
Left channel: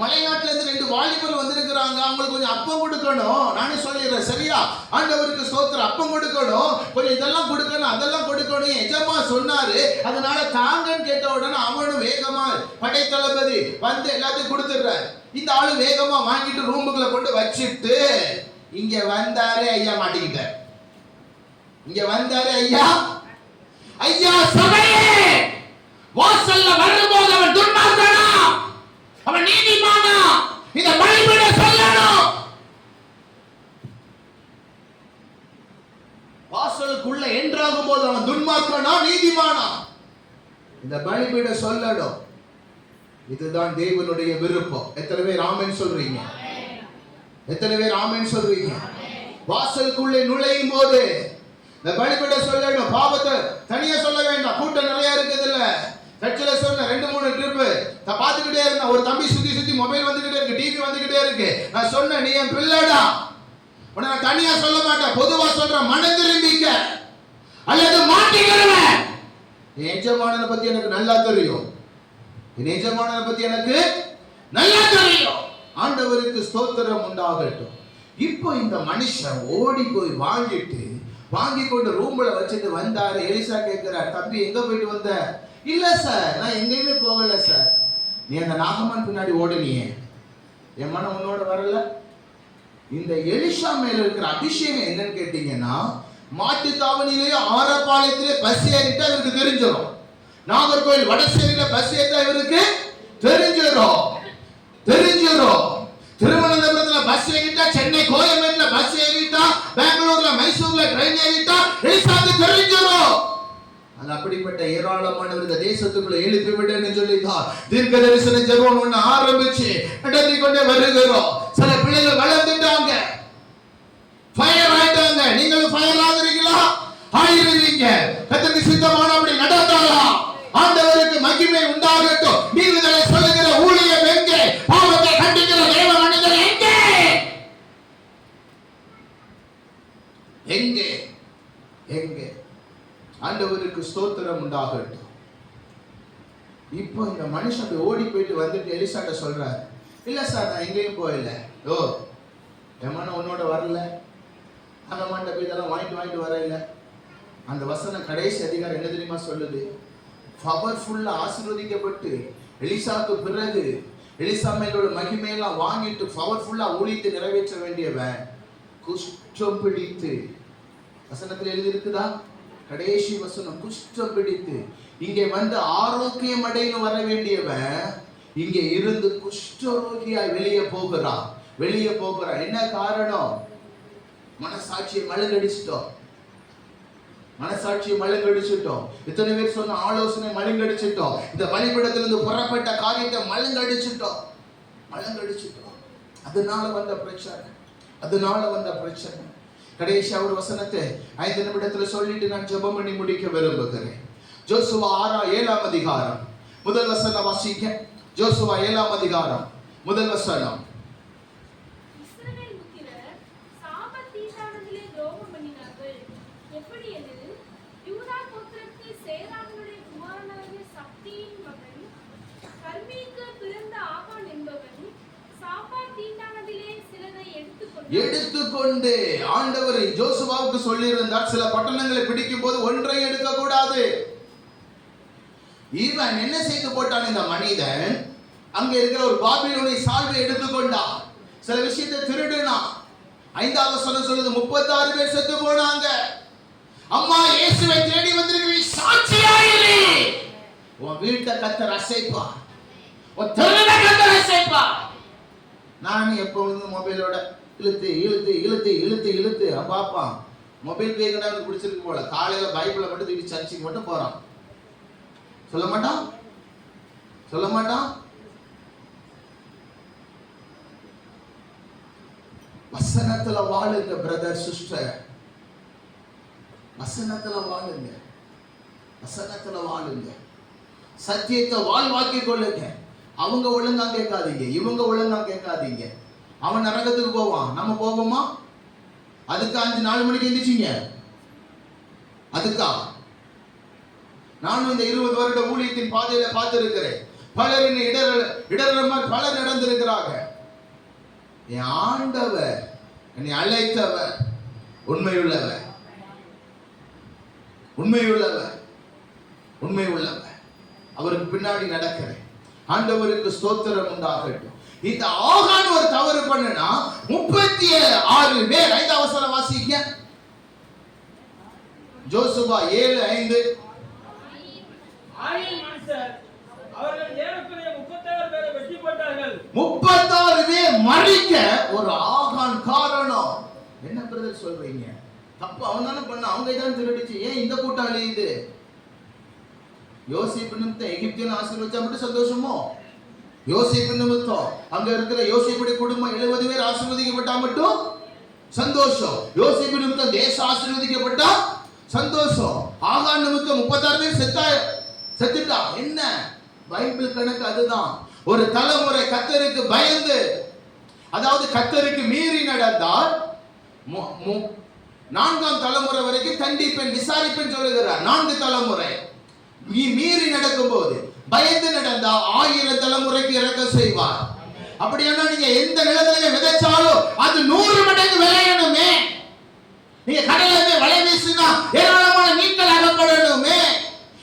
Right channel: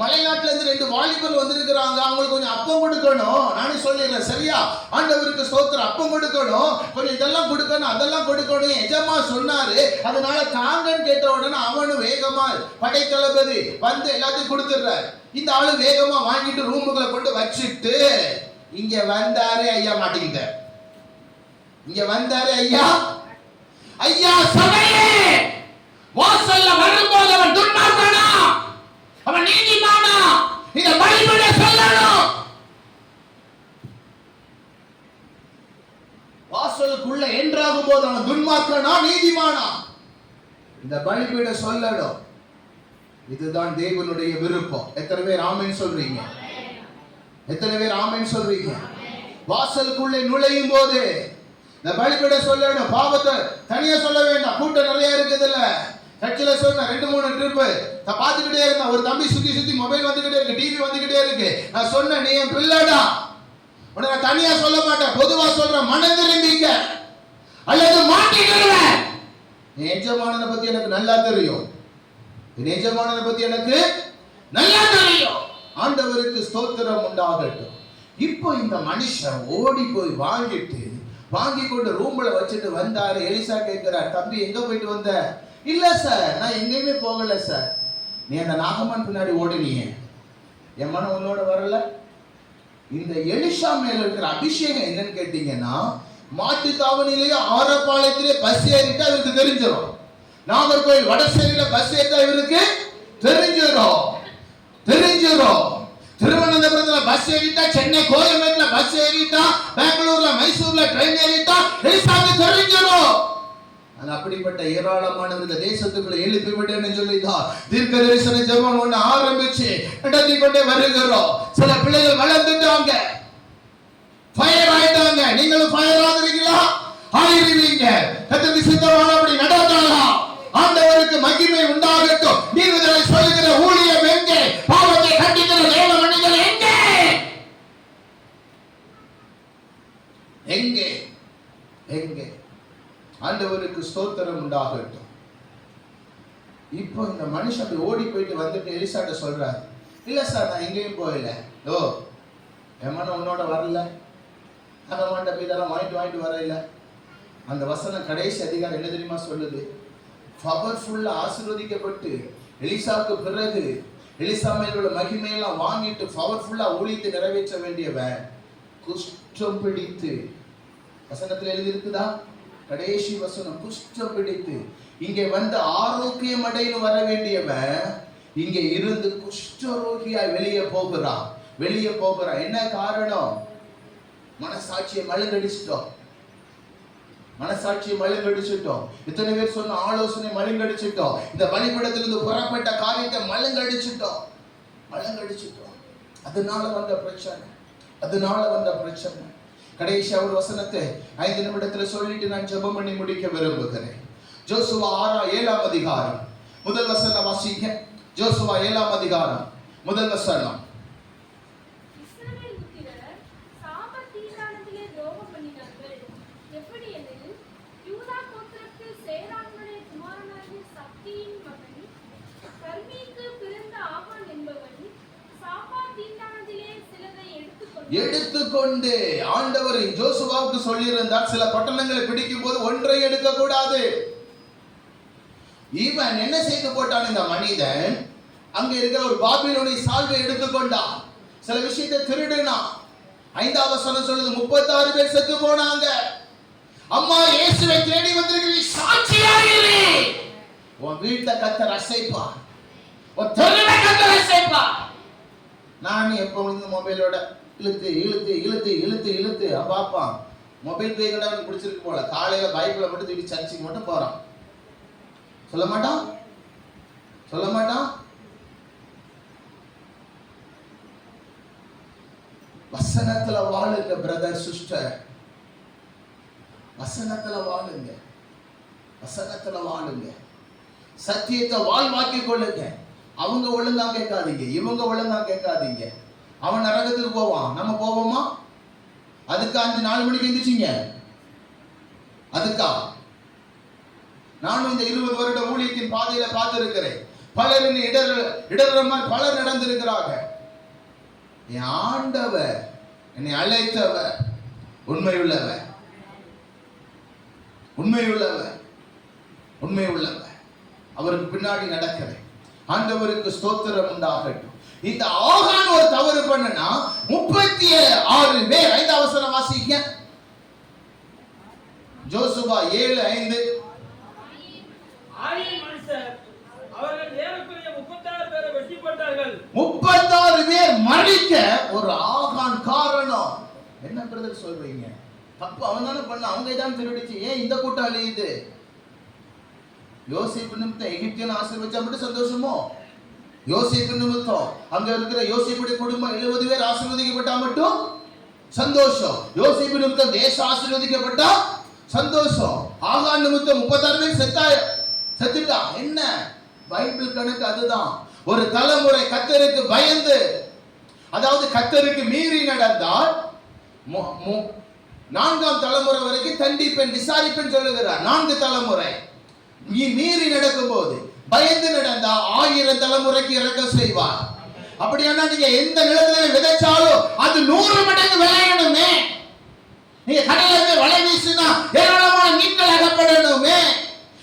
மலைநாட்டுல இருந்து 2 வாலிபர்கள் வந்திருக்கிறாங்க, அவங்களுக்கு கொஞ்சம் அப்பம் கொடுக்கணும். நானே சொல்லிடுறேன், சரியா? ஆண்டவருக்கு ஸ்தோத்திரம். அப்பம் கொடுக்கணும், கொஞ்சம் இதெல்லாம் கொடுக்கணும், அதெல்லாம் கொடுக்கணும். எஜமா சொன்னாரு, அதனால தாங்கன்னு கேட்ட உடனே அவனும் வேகமா படைத்தளபதி வந்து எல்லாத்தையும் கொடுத்துடுறாரு. இந்த ஆளு வேகமா வாங்கிட்டு ரூமுக்குள்ள கொண்டு வச்சுட்டு இங்க வந்தாரு. ஐயா மாட்டிக்கிட்ட, இங்க வந்தாரு. ஐயா, ஐயா சபையே, வாசல்ல வரும்போது அவன் துன்மார்க்கனா, அவன் நீதிமானா? இந்த பைபிளை சொல்லணும். வாசலுக்குள்ள என்றாகும் போது அவன் துன்மார்க்கனா நீதிமானா? இந்த பைபிளை சொல்லணும். இதுதான் தேவனுடைய விருப்பம். எத்தனை பேர் ஆமென் சொல்றீங்க? எத்தனை பேர் ஆமென் சொல்றீங்க? வாசலுக்குள்ளே நுழையும் போது இந்த பைபிளை சொல்லணும். பாவத்தை தனியா சொல்ல வேண்டாம், கூட்டம் நிறைய இருக்குது இல்ல. சர்ச்சில சொன்ன 2-3 ட்ரிப் பார்த்துக்கிட்டே இருந்தான். ஒரு தம்பி சுத்தி மொபைல் வந்துகிட்டே இருக்கு, டிவி வந்துகிட்டே இருக்கு. நான் சொன்னேன், நீ என் பிள்ளைடா, உன்னை நான் தனியா சொல்ல மாட்டேன், பொதுவா சொல்றேன். மனம் திரும்பிக்க அல்லது மாட்டிக்கிறவன். எஜமானனை பத்தி எனக்கு நல்லா தெரியும், எஜமானனை பத்தி எனக்கு நல்லா தெரியும். ஆண்டவருக்கு ஸ்தோத்திரம் உண்டாகட்டும். இப்போ இந்த மனுஷன் ஓடி போய் வாங்கி கொண்டு ரூம்ல வச்சுட்டு வந்தாரு. எலிசா கேட்கிறார், தம்பி எங்க போயிட்டு வந்த? இல்ல சார், நான் எங்கேயுமே போகல சார். நீ அந்த நாகமான் பின்னாடி ஓடினியே, என் மனம் உன்னோட வரல. இந்த எலிசா மேல இருக்கிற அபிஷேகம் என்னன்னு கேட்டீங்கன்னா, மாட்டு தாவணியிலேயே ஆரப்பாளையத்திலே பஸ் ஏறிட்டா இவருக்கு தெரிஞ்சிடும். நாகர்கோவில் வடசேரியில பஸ் ஏறிட்டா இவருக்கு தெரிஞ்சிடும். திருவனந்தபுரத்துல பஸ் ஏறிட்டா, சென்னை கோயம்பேட்டுல பஸ் ஏறிட்டா, பெங்களூர்ல மைசூர்ல ட்ரெயின் ஏறிட்டா எலிசாவுக்கு தெரிஞ்சிடும். அப்படிப்பட்ட ஏராளமானவர் இந்த தேசத்துக்குள்ள எழுப்பி விடுன்னு சொல்லிதான் தீர்க்க தரிசன ஜெபம் ஒண்ணு ஆரம்பிச்சு நடத்தி கொண்டே வருகிறோம். சில பிள்ளைகள் வளர்ந்துட்டாங்க, ஃபயர் ஆயிட்டாங்க. நீங்களும் ஃபயர் ஆகுறீங்களா? ஆயிருவீங்க. கர்த்தருக்கு சித்தமான அப்படி நடக்கலாம். ஆண்டவருக்கு மகிமை உண்டாகட்டும். நீதிகளை சொல்லுகிற ஊழியம் எங்கே? பாவத்தை கண்டிக்கிற தேவ மனிதர் எங்கே? எங்கே? எங்கே? ஆண்டவருக்கு ஸ்தோத்திரம் உண்டாகட்டும். இப்போ இந்த மனுஷன் அப்படி ஓடி போயிட்டு வந்துட்டு எலிசாட்ட சொல்றாரு, இல்ல சார் நான் எங்கேயும் போயில, ஓ என் மனம் உன்னோட வரல, அந்த மண்ட போய் இதெல்லாம் வாங்கிட்டு வர இல்லை. அந்த வசனம் கடைசி அதிகாரம் என்ன தெரியுமா சொல்லுது? பவர்ஃபுல்லா ஆசீர்வதிக்கப்பட்டு எலிசாவுக்கு பிறகு எலிசா மேலோட மகிமையெல்லாம் வாங்கிட்டு பவர்ஃபுல்லா ஊழியத்தை நிறைவேற்ற வேண்டியவன் குஷ்டம் பிடித்து, வசனத்தில் எழுதி இருக்குதா? கடைசி வசனம், குஷ்டம் பிடித்து இங்கே வந்து ஆரோக்கியம் அடைந்து வர வேண்டியவன் இங்கே இருந்து குஷ்டரோகியாய் வெளியே போகிறான். என்ன காரணம்? மனசாட்சியை மழுங்கடிச்சிட்டோம். இத்தனை பேர் சொன்ன ஆலோசனை மழுங்கடிச்சிட்டோம். இந்த பலிபீடத்திலிருந்து புறப்பட்ட காரியத்தை மழுங்கடிச்சிட்டோம். அதனால வந்த பிரச்சனை. கடைசி ஒரு வசனத்தை 5 நிமிடத்துல சொல்லிட்டு நான் ஜெபம் பண்ணி முடிக்க விரும்புகிறேன். யோசுவா 7ஆம் அதிகாரம் முதல் வசனம் வாசிக்க. யோசுவா 7ஆம் அதிகாரம் முதல் வசனம். எடுத்துக்கொண்டு ஆண்டவர் யோசுவாவுக்கு சொல்லியிருந்தார், சில பட்டணங்களை பிடிக்கும் போது ஒன்றை எடுக்க கூடாது. இவன் என்ன செய்து போட்டான்? இந்த மனிதன் அங்க இருக்கிற ஒரு பாபிலோனிய சால்வை எடுத்துக்கொண்டான், சில விஷயத்தை திருடினான். 5ஆம் வசனம் சொல்லுது, 36 பேர் செத்து போனாங்க. அம்மா இயேசுவை தேடி வந்திருக்கிறீ, சாட்சியாயிரு. உன் வீட்டை கர்த்தர் அசைப்பார், உன் தெருவை கர்த்தர் அசைப்பார். நான் எப்பொழுதும் மொபைலோட இழுத்து பாப்பான். மொபைல் பே கடவுளுக்கு பிடிச்சிருக்கு போல. காலையில பைபிளை மட்டும் தூக்கி சர்ச்சுக்கு மட்டும் போறான். சொல்ல மாட்டான். வசனத்துல வாழுங்க பிரதர் சிஸ்டர், வசனத்துல வாழுங்க. சத்தியத்தை வாழ்வாக்கி கொள்ளுங்க. அவங்க ஒழுங்கா கேட்காதீங்க, இவங்க ஒழுங்கா கேட்காதீங்க. அவன் நரகத்துக்கு போவான், நம்ம போவோமா? அதுக்கு 5-4 மணிக்கு எந்திரிச்சிங்க. அதுக்கா? நானும் இந்த 20 வருட ஊழியத்தின் பாதையில பார்த்திருக்கிறேன். பலர் இடர்கள் பலர் நடந்திருக்கிறாங்க. என் ஆண்டவர் என்னை அழைத்தவர் உண்மையுள்ளவர். அவருக்கு பின்னாடி நடக்கிறேன். ஆண்டவருக்கு ஸ்தோத்திரம் உண்டாகட்டும். இந்த ஆகான் ஒரு தவறு பண்ணனா 36 பேர். 5ஆம் வசனம் வாசிங்க. யோசுவா 7:5. அவர்கள் ஏறக்குறைய 36 பேரை வெட்டி போட்டார்கள். 36 பேர் மரிக்க ஒரு ஆகான் காரணம். என்ன பிரதர் சொல்றீங்க? தப்பு அவன் தானே பண்ண, அவங்க தான் திருடிச்சு. ஏன் இந்த கூட்டாளி இது? யோசேப்பு நிமித்தம் எகிப்தியன் ஆசீர்வதிச்சா மட்டும் சந்தோஷமோ? யோசேப்பு நிமித்தம் அங்க இருக்கிற யோசேப்புடைய குடும்பம் 70 பேர் ஆசீர்வதிக்கப்பட்டா மட்டும் சந்தோஷம். யோசேப்பு நிமித்தம் தேசம் ஆசீர்வதிக்கப்பட்டா சந்தோஷம். ஆகான் நிமித்தம் 36 பேர் செத்துட்டா. என்ன பைபிள் கணக்கு அதுதான். ஒரு தலைமுறை கர்த்தருக்கு பயந்து, அதாவது கர்த்தருக்கு மீறி நடந்தால் 4ஆம் தலைமுறை வரைக்கும் தண்டிப்பேன் விசாரிப்பேன் சொல்லுகிறார். 4 தலைமுறை நீ மீறி நடக்கும் போது பயந்து நடந்தா 1000 தலைமுறைக்கு இறக்க செய்வார். அப்படியானா நீங்க எந்த நிலத்திலே விதைச்சாலும் அது 100 மடங்கு விளையணுமே. நீங்க கடல்ல வலை வீசினா ஏராளமான மீன்கள் அகப்படணுமே.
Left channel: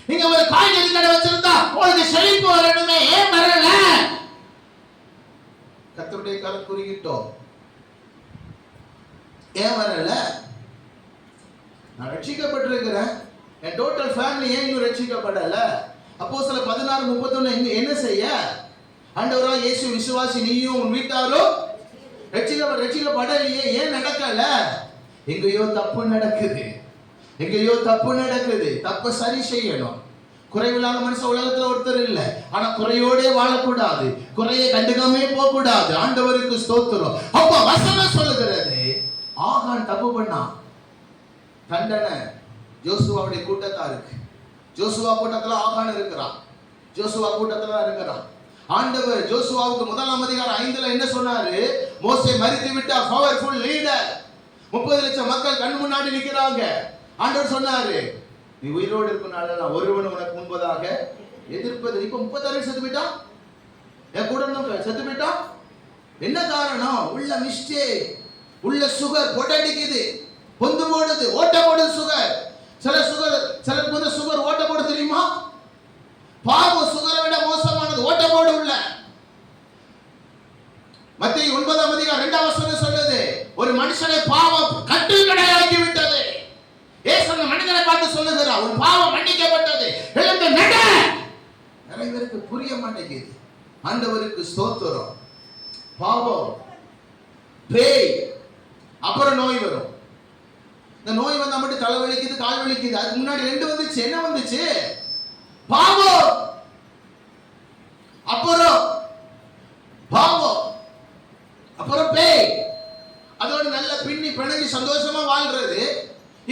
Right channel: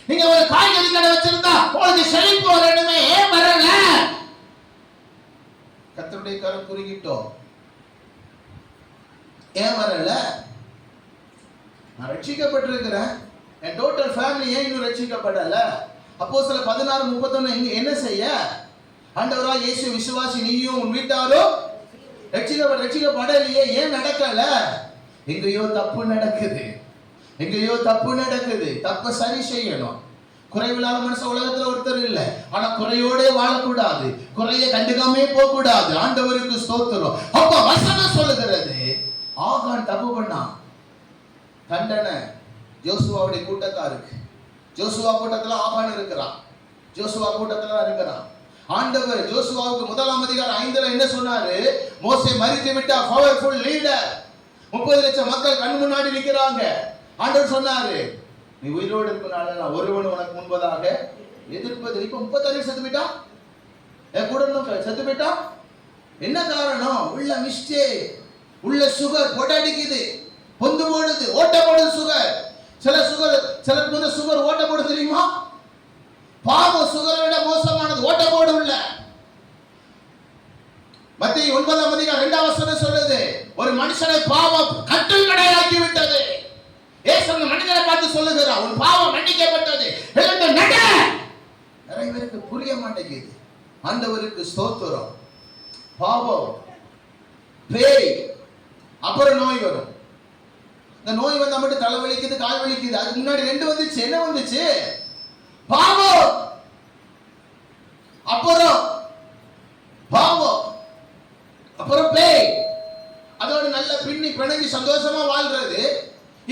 நீங்க ஒரு காய்கறி கடை வச்சிருந்தா உங்களுக்கு செழிப்பு வரணுமே. ஏன் வரல? கர்த்தருடைய கரம் குறுகிட்டோம். ஏன் வரல? நான் ரட்சிக்கப்பட்டிருக்கிறேன், என் டோட்டல் ஃபேமிலி ஏன் இன்னும் ரட்சிக்கப்படல? அப்போஸ்தலர் 16:31 என்ன செய்ய? ஆண்டவராகிய இயேசு விசுவாசி நீயும் உன் வீட்டாரும் ரட்சிக்கப்படலையே. ஏன் நடக்கல? எங்கேயோ தப்பு நடக்குது. தப்ப சரி செய்யணும். குறைவில்லாத மனுஷன் உலகத்துல ஒருத்தர் இல்ல. ஆனா குறையோட வாழக்கூடாது, குறையை கண்டுக்காமே போக கூடாது. ஆண்டவருக்கு ஸ்தோத்திரம். அப்ப வசனம் சொல்லுகிறது, ஆகான் தப்பு பண்ணான், தண்டனை யோசுவாவுடைய கூட்டத்தாருக்கு. யோசுவா கூட்டத்துல ஆகான் இருக்கிறான். ஆண்டவர் யோசுவாவுக்கு 1ஆம் அதிகாரம் 5ல என்ன சொன்னாரு? மோசே மரித்து விட்டா, பவர்ஃபுல் லீடர், 30 லட்சம் மக்கள் கண் முன்னாடி நிக்கிறாங்க. ஆண்டவர் சொன்னாரு, நீ உயிரோடு இருக்கும் நாளெல்லாம் ஒருவன் உனக்கு முன்பதாக எதிர்ப்பது. இப்ப 36 செத்து போயிட்டான், என் கூட செத்து போயிட்டான். என்ன காரணம்? உள்ள மிஸ்டேக், உள்ள சுகர் பொட்டடிக்குது, பொந்து போடுது, ஓட்ட போடுது சுகர். சில சுகர் ஓட்ட போடு தெரியுமா? பாவம் சுகரை விட மோசமானது, ஓட்ட போடு உள்ள. மத்தேயு 9:2 சொல்லுது, ஒரு மனுஷனை பாவம் கட்டுக்கடையாக்கி விட்டது. இயேசு மனிதனை பார்த்து சொல்லுகிறார், உன் பாவம் மன்னிக்கப்பட்டது, எழுந்து நட. நிறைய பேருக்கு புரிய மாட்டேங்குது. ஆண்டவருக்கு ஸ்தோத்திரம். பாவம், பேய், அப்புறம் நோய் வரும். இந்த நோய் வந்தா மட்டும் தலை வலிக்குது, கால் வலிக்குது. அதுக்கு முன்னாடி 2 வந்துச்சு. என்ன வந்துச்சு? பாவம், அப்புறம் பாவம், அப்புறம் பேய். அதோட நல்ல பின்னி பிணைஞ்சு சந்தோஷமா வாழ்றது.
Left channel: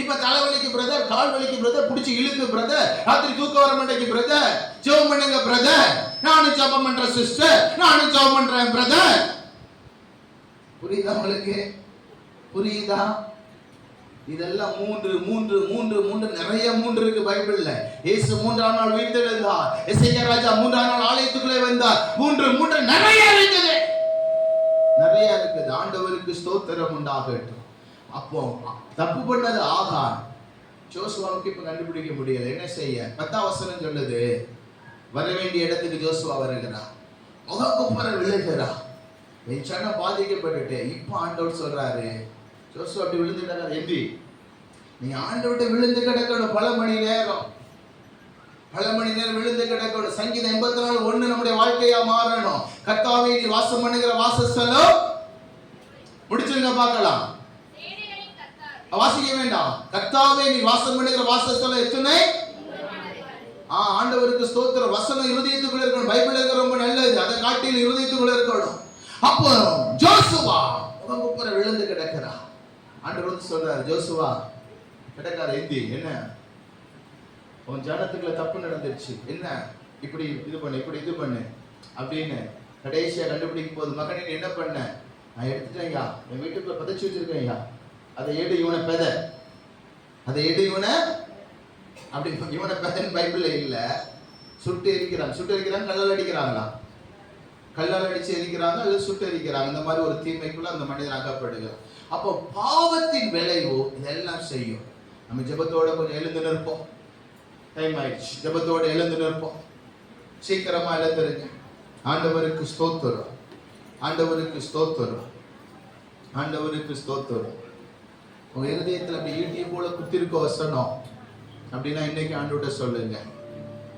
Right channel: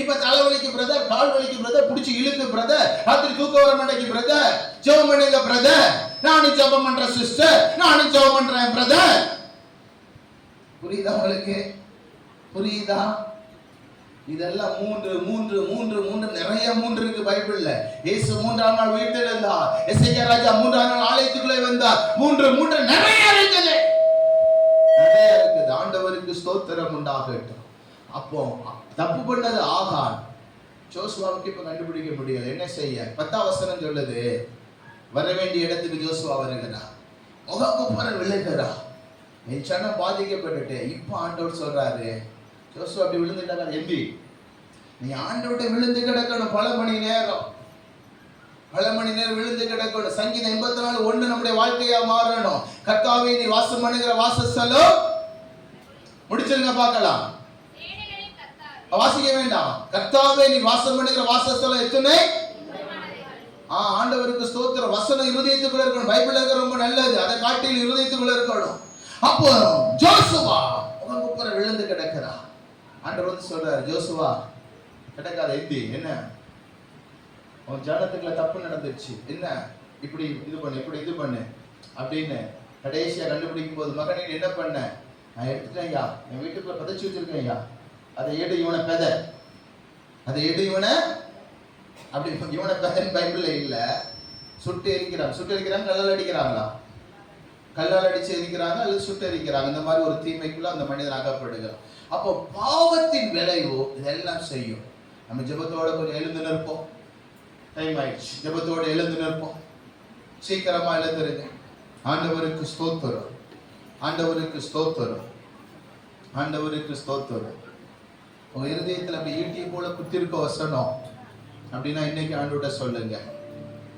இப்ப தலைவலிக்கு பிரதர், கால் வலிக்கு பிரதர், புடிச்சு இழுக்கு பிரதர், ராத்திரி தூக்க வர மாட்டேங்குது பிரதர், ஜெபம் பண்ணுங்க பிரதர், நானும் ஜெபம் பண்றேன் சிஸ்டர், நானும் ஜெபம் பண்றேன் பிரதர். புரியுதா உங்களுக்கு? புரியுதா? இதெல்லாம் மூன்று நிறைய 3 இருக்கு பைபிள்ல. இயேசு 3ஆம் நாள் உயிர்த்தெழுந்தார். எசேக்கியா ராஜா 3ஆம் நாள் ஆலயத்துக்குள்ளே வந்தார். 3 நிறைய இருக்குது. ஆண்டவருக்கு ஸ்தோத்திரம் உண்டாகட்டும். அப்போ தப்பு பண்ணது ஆகான். ஜோசுவாவுக்கு இப்ப கண்டுபிடிக்க முடியல, என்ன செய்ய? 10ஆம் வசனம் சொல்லுது, வர வேண்டிய இடத்துக்கு ஜோசுவா வருகிறார், முகக்குப்புற விழுகிறார். என் சனம் பாதிக்கப்பட்டுட்டு. இப்ப ஆண்டவர் சொல்றாரு, ஜோசுவா அப்படி விழுந்துட்டாங்க, எம்பி நீ ஆண்டவர்கிட்ட விழுந்து கிடக்கணும். பல மணி நேரம் விழுந்து கிடக்கணும். சங்கீதம் 84:1 நம்முடைய வாழ்க்கையா மாறணும். கர்த்தாவே நீ வாசம் பண்ணுகிற வாசஸ்தலம், முடிச்சிருங்க பார்க்கலாம், வாசிக்க வேண்டாம். கர்த்தாவே நீ வாசம் பண்ணுகிற வாசஸ்தலம் எத்தனை? ஆண்டவருக்கு ஸ்தோத்திரம். வசனம் இருதயத்துக்குள்ள இருக்கணும். பைபிள் இருக்கிற ரொம்ப நல்லது, அதை காட்டில் இருதயத்துக்குள்ள இருக்கணும். அப்போ ஜோசுவா முகங்குப்புற விழுந்து கிடக்கிறார். ஆண்டவர் வந்து சொல்றாரு, ஜோசுவா கிடக்காத, எந்தி, என்ன உன் ஜனத்துக்குள்ள தப்பு நடந்துச்சு, என்ன இப்படி இது பண்ணு, இப்படி இது பண்ணு அப்படின்னு கடைசியா கண்டுபிடிக்கும் போது, மகனே என்ன பண்ண? நான் எடுத்துட்டேன் ஐயா, என் வீட்டுக்குள்ள பதைச்சு வச்சிருக்கேன் ஐயா, அதை எடு இவனை பெத, அதை எடு இவனை அப்படி. இவனை பெதன் பைபிள்ல இல்ல. சுட்டு எரிக்கிறாங்க, கல்லால் அடிக்கிறாங்களா? கல்லால் அடிச்சு எரிக்கிறாங்க அல்லது சுட்டு எரிக்கிறாங்க. இந்த மாதிரி ஒரு தீமைக்குள்ள அந்த மனிதன் அகப்படுகிறான். அப்போ பாவத்தின் விளைவு இதெல்லாம் செய்யும். நம்ம ஜெபத்தோட கொஞ்சம் எழுந்து நிற்போம். டைம் ஆயிடுச்சு. ஜெபத்தோட எழுந்து நிற்போம். சீக்கிரமா எழுந்துருங்க. ஆண்டவருக்கு ஸ்தோத்திரம், ஆண்டவருக்கு ஸ்தோத்திரம், ஆண்டவருக்கு ஸ்தோத்திரம். உங்க இருதயத்தில் அப்படி ஈட்டியை போல குத்திருக்க வசனம் அப்படின்னா இன்னைக்கு ஆண்டவர்கிட்ட சொல்லுங்க,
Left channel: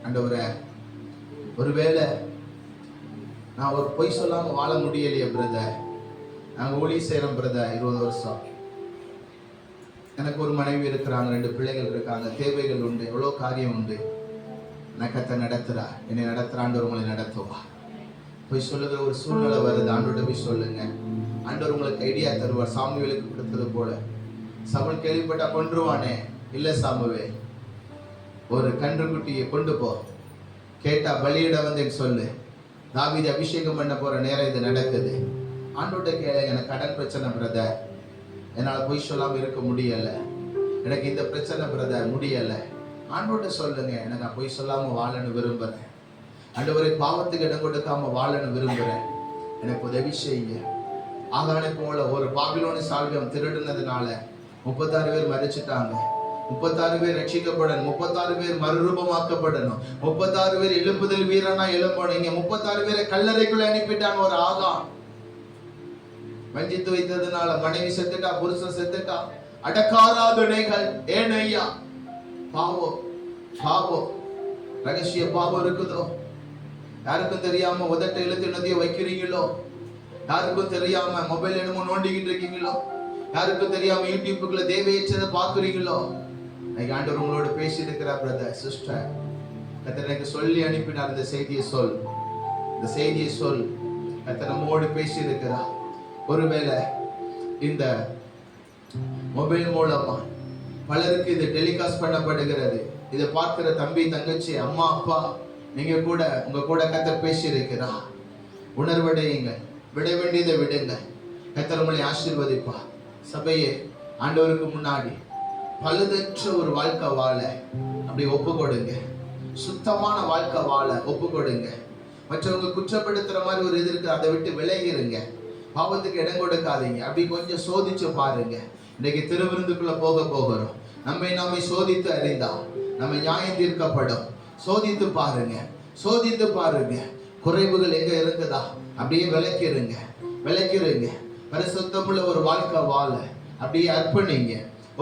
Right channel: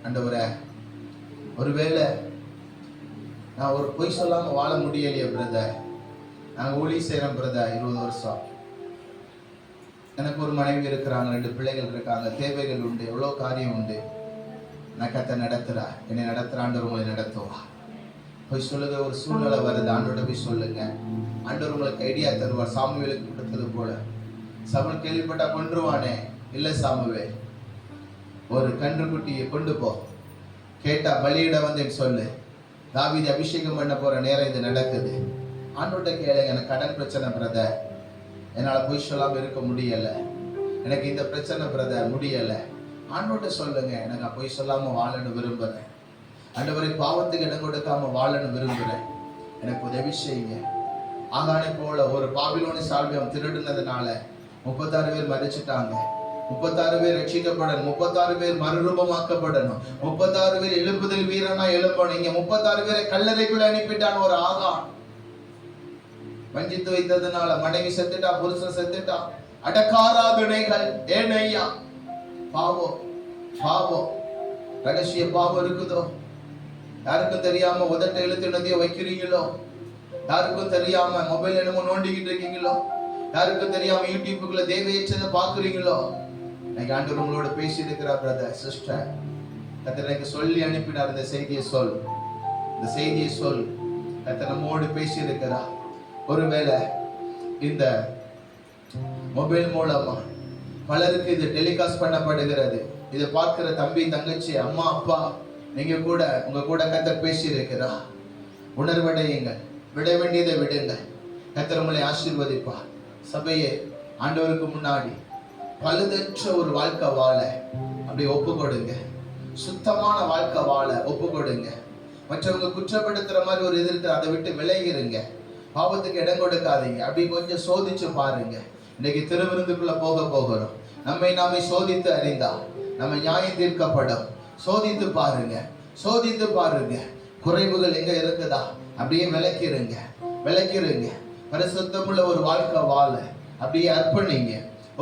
ஆண்டவரே ஒருவேளை நான் ஒரு பொய் சொல்லாம வாழ முடியலையே பிரதர், நாங்கள் ஊழி செய்கிறோம் பிரதர் 20 வருஷம், எனக்கு ஒரு மனைவி இருக்கிறாங்க, 2 பிள்ளைகள் இருக்காங்க, தேவைகள் உண்டு, எவ்வளோ காரியம் உண்டு, நான் கத்த நடத்துறா, என்னை நடத்துற ஆண்டவர் உங்களை நடத்துவா. போய் சொல்லுங்க, ஒரு சூழ்நிலை வருது, ஆண்டவர்கிட்ட போய் சொல்லுங்க. ஆண்டவர் உங்களுக்கு ஐடியா தருவார். சாமுவேலுக்கு கொடுத்தது போல. சவுல் கேள்விப்பட்டா கொன்றுவானே, இல்லை சாமுவேல், ஒரு கன்றுக்குட்டியை கொண்டு போ, கேட்டா பலியிட வந்தேன்னு சொல்லு, தாவீது அபிஷேகம் பண்ண போற நேரம் இது நடக்குது. ஆண்டோட்ட கேளு, எனக்கு கடன் பிரச்சனை பிரதர், என்னால பொய் சொல்லாம இருக்க முடியல, எனக்கு இந்த பிரச்சனை பிரதர் முடியல. ஆண்டோட்ட சொல்லுங்க, எனக்கு பொய் சொல்லாம வாழன்னு விரும்புறேன், ஆண்டவரை பாவத்துக்கு இடம் கொடுக்காம வாழன்னு விரும்புறேன், எனக்கு உதவி செய்யுங்க. ஆகானை போல ஒரு பாபிலோனி சால்வியம் திருடுனதுனால 36 பேர் மரிச்சிட்டாங்க. 36 பேர் ரட்சிக்கப்படணும், 36 பேர் மறுரூபமாக்கப்படணும், 36 பேர் எழுப்புதல் வீரனா எழுப்பணும். இங்க 36 பேரை கல்லறைக்குள்ள அனுப்பிட்டான் ஒரு ஆகான். வஞ்சித்து வைத்ததுனால மனைவி செத்துட்டா, புருஷன் செத்துட்டா, அடக்காராதனைகள். ஏன் ஐயா? பாவம், பாவம், ரகசிய பாவம் இருக்குதோ, யாருக்கும் தெரியாம உதட்ட இழுத்து நதியை வைக்கிறீங்களோ, யாருக்கும் தெரியாம மொபைல் என்னமோ நோண்டிக்கிட்டு இருக்கீங்களோ, யாருக்கும் தெரியாம யூடியூப்புக்குள்ள தேவையற்றதை பாக்குறீங்களோ, இன்னைக்கு ஆண்டவர் உங்களோட பேசி இருக்கிறார் பிரதர் சிஸ்டர். கர்த்தர் எனக்கு சொல்லி அனுப்பினார், இந்த செய்தியை சொல், இந்த செய்தியை சொல். கர்த்தர் நம்மோடு பேசி இருக்கிறார். ஒருவேளை இந்த மொபைல் மூலமா பலருக்கு இது டெலிகாஸ்ட் பண்ணப்படுகிறது. இதை பார்க்கிற தம்பி, தங்கச்சி, அம்மா, அப்பா, நீங்க கூட உங்க கூட கர்த்தர் பேசி இருக்கிறார். உணர்வடையுங்க, விட வேண்டியதை விடுங்க. கர்த்தர் உங்களை ஆசீர்வதிப்பார். சபையே, ஆண்டவருக்கு முன்னாடி பழுதற்ற ஒரு வாழ்க்கை வாழ அப்படி ஒப்பு கொடுங்க. சுத்தமான வாழ்க்கை வாழ ஒப்பு கொடுங்க. மற்றவங்க குற்றப்படுத்துற மாதிரி ஒரு இது இருக்கு, அதை விட்டு விலகிருங்க. பாவத்துக்கு இடம் கொடுக்காதீங்க. அப்படி கொஞ்சம் சோதிச்சு பாருங்க. இன்னைக்கு திருவிருந்துக்குள்ள போகிறோம். நம்மை நாமே சோதித்து அறிந்தா நம்ம நியாயம் தீர்க்கப்படும். சோதித்து பாருங்க. குறைவுகள் எங்க இருக்குதா அப்படியே விளக்கிருங்க. பரிசுத்தமுள்ள ஒரு வாழ்க்கை வாழ அப்படியே அர்ப்பணிங்க.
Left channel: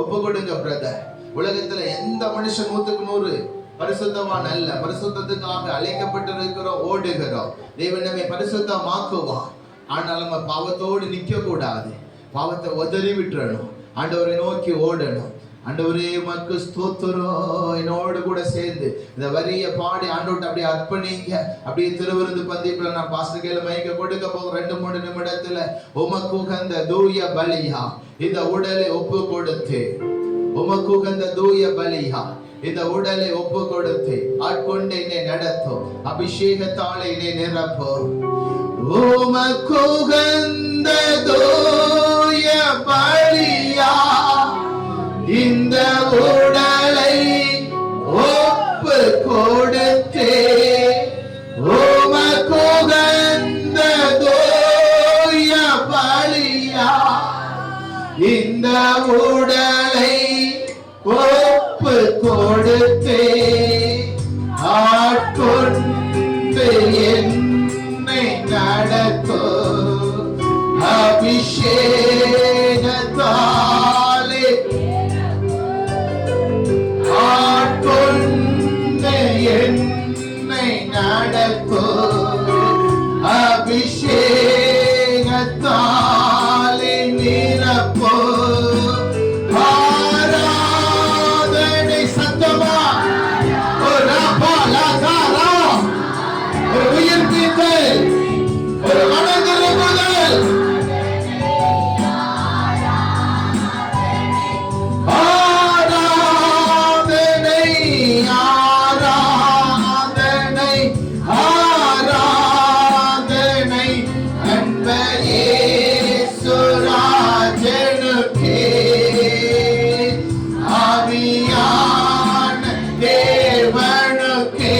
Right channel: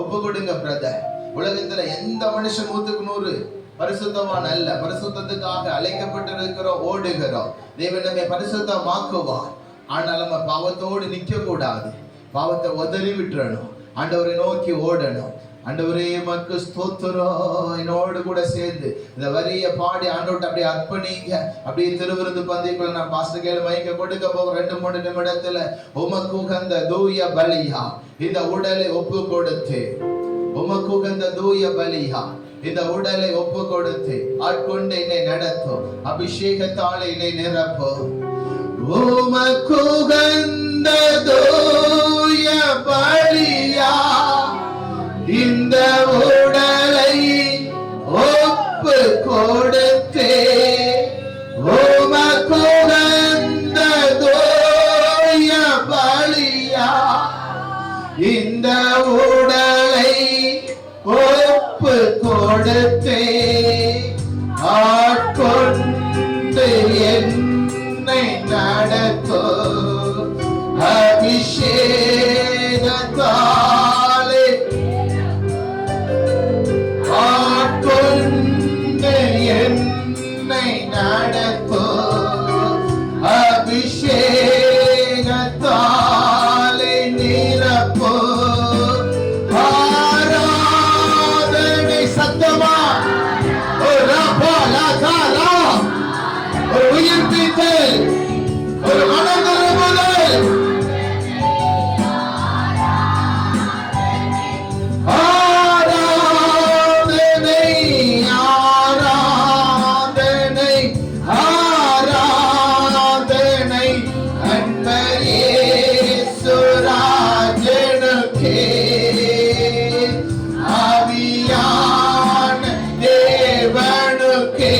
ஒப்பு கொடுங்க பிரதர். உலகத்துல எந்த மனுஷன் 100% பரிசுத்தமான அல்ல. பரிசுத்தத்துக்காக அழைக்கப்பட்டிருக்கிறோம், ஓடுகிறோம். தேவன் நம்மை பரிசுத்தமாக்குவார். ஆனால் நம்ம பாவத்தோடு நிக்க கூடாது. பாவத்தை உதறி விட்டுறணும். ஆண்டவரை நோக்கி ஓடணும். ஆண்டவரே உமக்கு ஸ்தோத்திரம். என்னோடு கூட சேர்ந்து இந்த வரிய பாடி ஆண்டவர்ட்ட அப்படியே அர்ப்பணிங்க. அப்படியே திருவிருந்து பந்திக்குள்ள நான் பாஸ்டர் கையில மைக்க கொடுக்க போகிறேன். 2-3 நிமிடத்துல உமக்கு உகந்த தூய பலியா இந்த உடலை ஒப்பு கொடுத்து, உமக்கு உகந்த தூய பலியா இந்த உடலை ஒப்பு கொடுத்து ஆட்கொண்டு என்னை நடத்தும். அபிஷேகத்தாலே என்னை நிரப்பும். உமக்கு உகந்த தூய பலியா இந்த உடலை ஒப்பு கொடுத்து, உமக்கு உகந்த தூய பலியா இந்த உடலை ஒப்பு கொடுத்து ஆட்கொண்டு என்னை நடத்தும். அபிஷேகத்தாலே ஆட்கொண்டு என்னை நடத்தும். அபிஷேகத்தாலே நிரப்பும். ஒரு மனதிரும்புதல், ஆராதனை ஆராதனை ஆராதனை அன்பரே சுராஜனுக்கே. ஆவியான தேவனுக்கே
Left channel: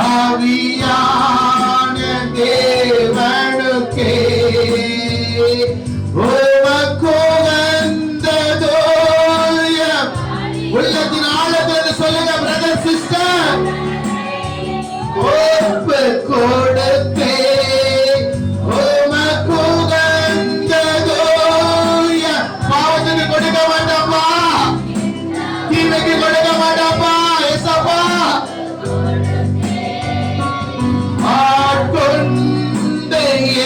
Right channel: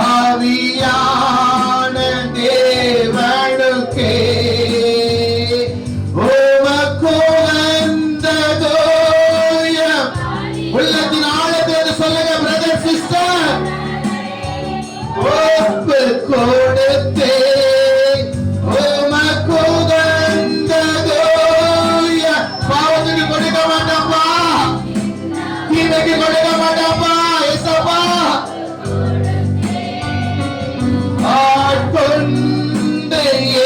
ஆவியான தேவனுக்கே உமக்கு உகந்த தூய உள்ளத்தின் ஆழத்தை சொல்லுங்க பிரதர் சிஸ்டர். ஒப்பு கொடுத்தே உமக்கு உகந்த தூய. பாவத்துக்கு கொடுக்க மாட்டோம்ப்பா, தீமைக்கு கொடுக்க மாட்டோம்ப்பா. ஏசப்பா ஆட்கொண்டு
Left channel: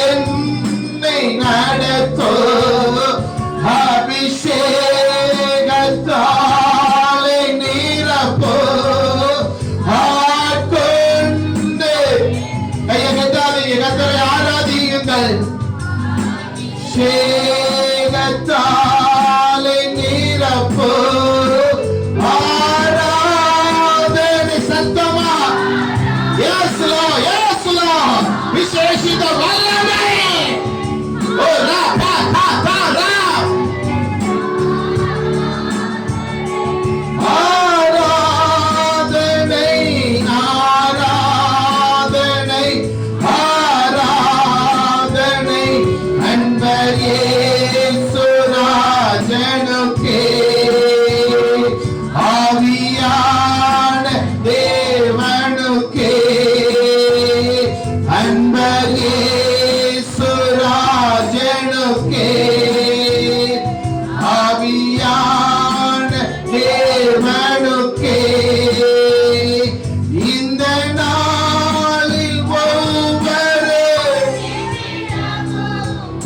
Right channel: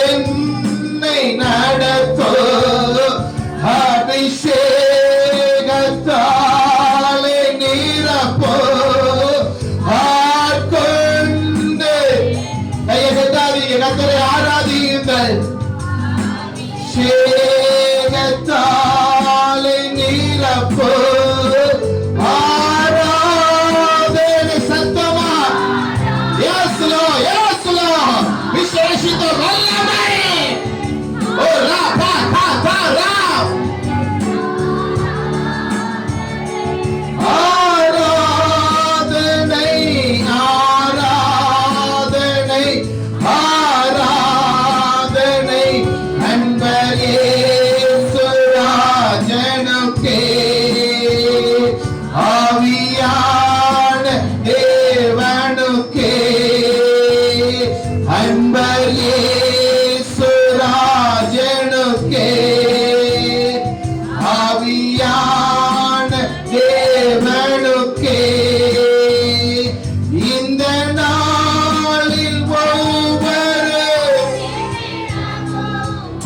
என்னை நடத்தும். அபிஷேகத்தாலே நிரப்பும். ஆட்கொண்டு கையை கட்டாதீங்க, கர்த்தரை ஆராதியுங்கள். அபிஷேகத்தாலே நிரப்பும். ஆராதனை சத்தமா விசேஷித்த வல்லமை. ஓ ராபா காதா ஆராதனை ஆராதனை ஆராதனை அன்பரே சுராஜனுக்கே. ஆவியான தேவனுக்கே அன்பரே சுராஜனுக்கே. ஆவியான தேவனுக்கே இந்த நாளில் ஒவ்வொரு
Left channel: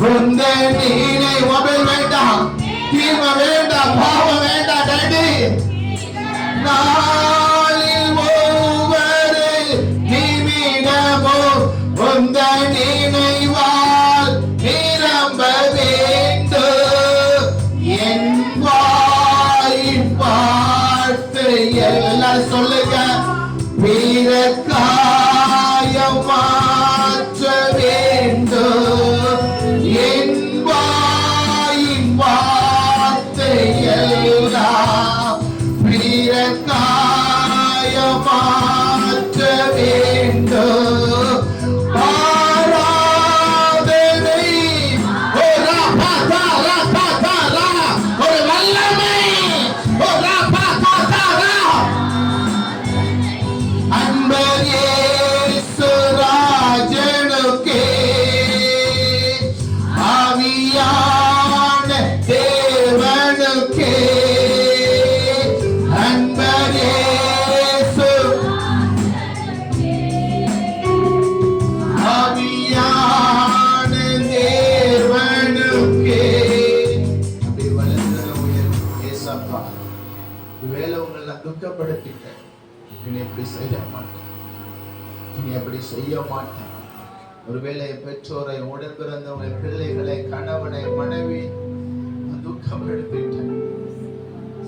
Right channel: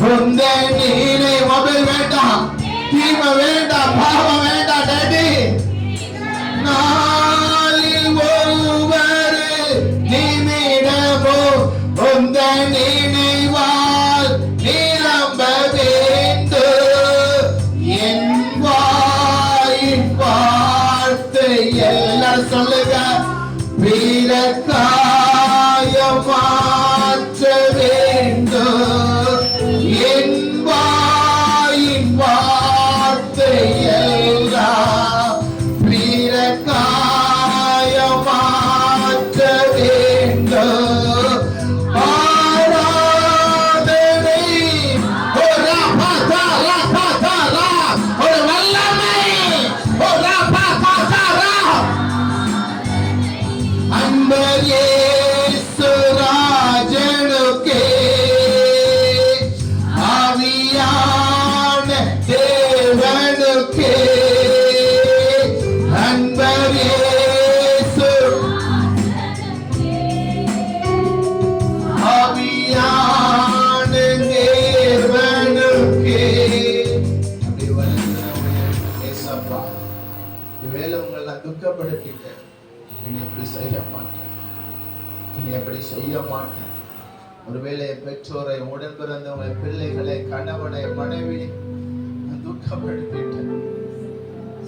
உந்த நீரை. மொபைல் வேண்டாம், தீமை வேண்டாம், பாவம் வேண்டாம். டேடி நாளில் ஒவ்வொரு நிமிடமும் உந்த நினைவால் நிரம்ப வேண்டும். என் வாயின் வார்த்தை எல்லாம் சொல்லுங்க. பிறக்காய மாற்ற மாற்ற வேண்டும். ஆராதனை ஒரு வல்லமை அன்பர் இயேசு ராஜனுக்கே ஆவியான தேவனுக்கே அன்பர் இயேசு ஆவியான தேவனுக்கே. அப்படி வளர்ந்தவங்க ஏசப்பா, இவ்வேளை உங்களை நான் துக்கப்படுத்திட்டேன். இனி எப்படி செய்ய மாட்டேன், இனி எப்படி செய்ய மாட்டேன். ஒருவேளை பெற்றோரை, உடன் பிறந்தவங்களை, பிள்ளைகளை, கணவனை, மனைவி துக்கப்படுத்திட்டேன்.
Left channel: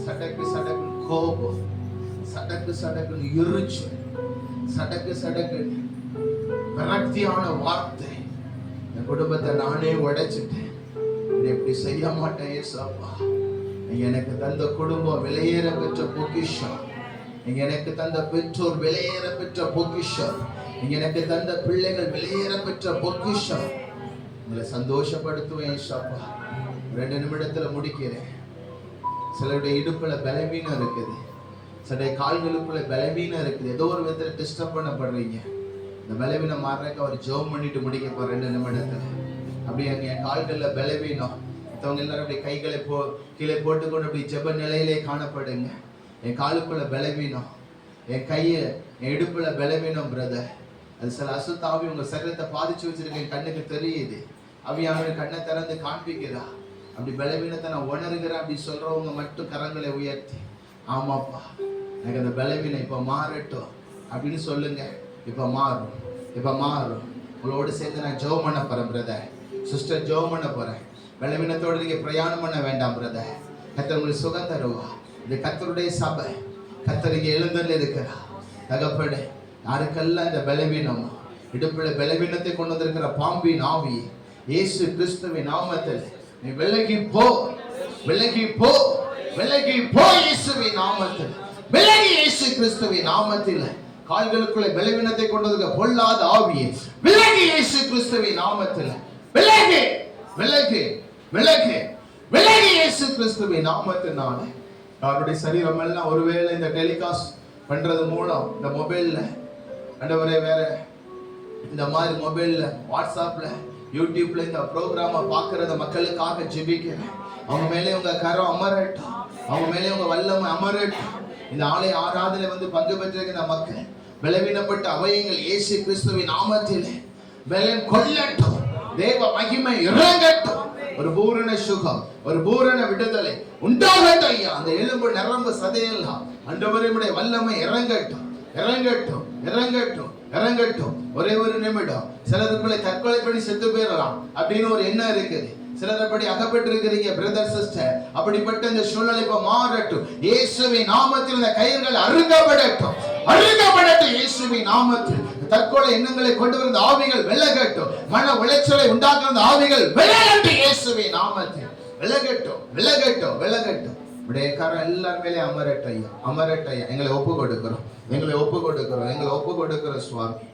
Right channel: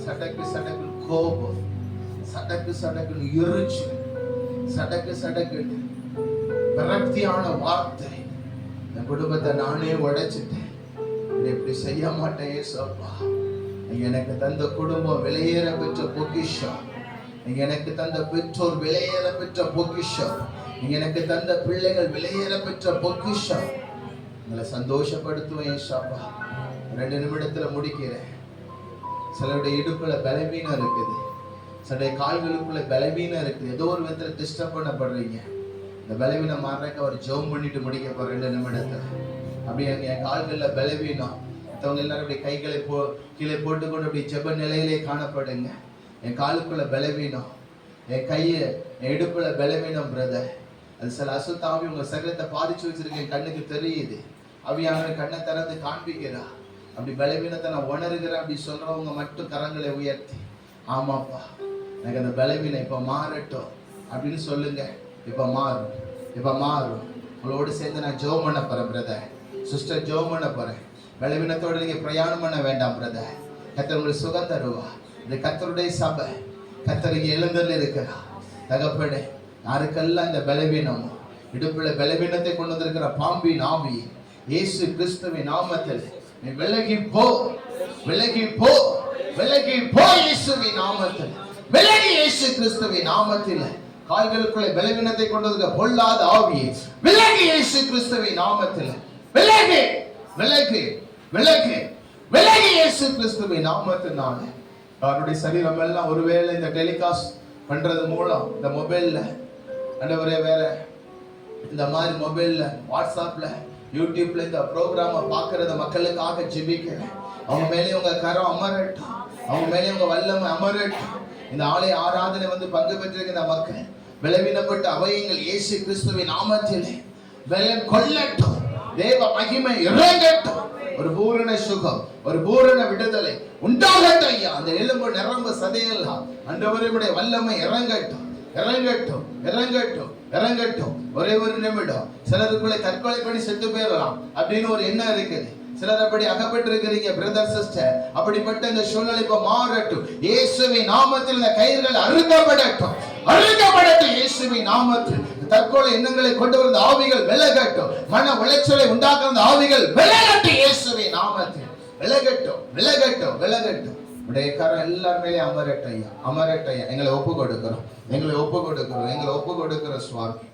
சடக்கு சடக்கு கோபம், சடக்கு சடக்கு எரிச்சு, சடக்கு சடக்கு விரக்தியான வார்த்தை, என் குடும்பத்தை நானே உடைச்சிட்டேன். இனி எப்படி செய்ய மாட்டேன் ஏசப்பா. எனக்கு தந்த குடும்பம் விலையேற பெற்ற பொக்கிஷம், எனக்கு தந்த பெற்றோர் விலையேற பெற்ற பொக்கிஷம், எனக்கு தந்த பிள்ளைகள் விலையேற பெற்ற பொக்கிஷம். உங்களை சந்தோஷப்படுத்துவேன் ஏசப்பா. 2 நிமிடத்துல முடிக்கிறேன். சிலருடைய இடுப்புல பலவீனம் இருக்குது, சிலருடைய கால்களுக்குள்ள பலவீனம் இருக்குது. ஏதோ ஒரு விதத்துல டிஸ்டர்ப் பண்ணப்படுறீங்க. இந்த பலவீனம் மாறக்க அவர் ஜெபம் பண்ணிட்டு முடிக்க போற 2 நிமிடத்துல. அப்படி என் கால்கள்ல பலவீனம், மற்றவங்க எல்லாரும் அப்படி கைகளை கீழே போட்டுக்கொண்டு அப்படி ஜெப நிலையிலே காணப்படுங்க. என் காலுக்குள்ள பலவீனம், என் கையில, என் இடுப்புல பலவீனம் பிரதர். அது சில அசுத்தாவி உங்க சரீரத்தை பாதிச்சு வச்சிருக்க என் கண்ணுக்கு தெரியுது. அவியானவர் கண்ணை திறந்து காண்பிக்கிறா. அப்படி பலவீனத்தை நான் உணர்கிறேன் அப்படி சொல்றவங்க மட்டும் கரங்களை உயர்த்தி, ஆமாப்பா எனக்கு அந்த பலவீனம் இப்ப மாறட்டும் அப்படின்னு சொல்லுங்க. இப்ப மாறும், இப்ப மாறும். உங்களோடு சேர்ந்து நான் ஜெபம் பண்ண போறேன் பிரதர், சிஸ்டர் ஜெபம் பண்ண போறேன். பலவீனத்தோட நீங்க பிரயாணம் பண்ண வேண்டாம் பிரதர். கர்த்தர் உங்களுக்கு சுகம் தருவா. இது கர்த்தருடைய சபை, கர்த்தர் இங்க எழுந்தருளி இருக்கிறா. தகப்பனே, யாருக்கெல்லாம் இந்த பலவீனம், இடுப்புல பலவீனத்தை கொண்டு வந்திருக்கிற பாம்பின் ஆவி இயேசு கிறிஸ்துவின் நாமத்தில் நீ விலகி போ, விலகி போ, விலகி போ இயேசுவின் நாமத்தில், விலகி இயேசு கிறிஸ்துவின் நாமத்தில். கால்களுக்குள்ளே பலவீனத்தை கொண்டு வந்திருக்கிற பொல்லாத ஆவி விலகி இயேசு கிறிஸ்துவின் நாமத்தில், விலகி விலகி விலகி விலகி இயேசு கிறிஸ்துவின் நாமத்தினால. அவருடைய சரீரம் எல்லாம் ஒருவேளை இந்த டெலிகாஸ்ட் பண்றது மூலம் இந்த மொபைல்ல ஆண்டவரே, வேற இந்த மாதிரி மொபைல்ல, வாட்ஸ்அப்ல, யூடியூப்ல இந்த ப்ரோக்ராமை பார்க்கறத மக்களுக்காக ஜெபிக்கிறேன். அவங்க மேலே உங்க கரம் அமரட்டும், அவங்க மேலே உங்க வல்லமை அமரட்டும். இந்த ஆலய ஆராதனை வந்து பங்கு பெற்றிருக்கிற மக்கள் பலவீனப்பட்ட அவயங்கள் இயேசு கிறிஸ்துவின் நாமத்திலே பலன் கொள்ளட்டும், தேவ மகிமை இறங்கட்டும். ஒரு பூரண சுகம், ஒரு பூரண விடுதலை உண்டாகட்டும் ஐயா. அந்த எலும்பு நரம்பு சதையெல்லாம் ஆண்டவருடைய வல்லமை இறங்கட்டும், இறங்கட்டும், இறங்கட்டும், இறங்கட்டும். ஒரே ஒரு நிமிடம். சிலருக்குள்ளே தற்கொலை பண்ணி செத்து போயிடலாம் அப்படின்னு ஒரு எண்ணம் இருக்குது. சிலர் அப்படி அகப்பட்டு இருக்கிறீங்க பிரதர் சிஸ்டர். அப்படிப்பட்ட இந்த சூழ்நிலை இப்ப மாறட்டும் இயேசுவின் நாமத்தில். இந்த கயிறுகள் அறுக்கப்படட்டும், அறுக்கப்படட்டும் இயேசுவின் நாமத்தில். தற்கொலை எண்ணங்களை கொண்டு வந்த ஆவிகள் விலகட்டும், மன உளைச்சலை உண்டாக்குற ஆவிகள் விலகட்டும் இயேசுவின் நாமத்தில். விலகட்டும், விலகட்டும், விலகட்டும். உடைய கரம் எல்லார் மேலே அமரட்டையா, அமரட்டையா. எங்களை ஒப்பு கொடுக்கிறோம், எங்களை ஒப்பு கொடுக்கிறோம், எங்களை ஒப்பு கொடுக்கிறோம் சுவாமி.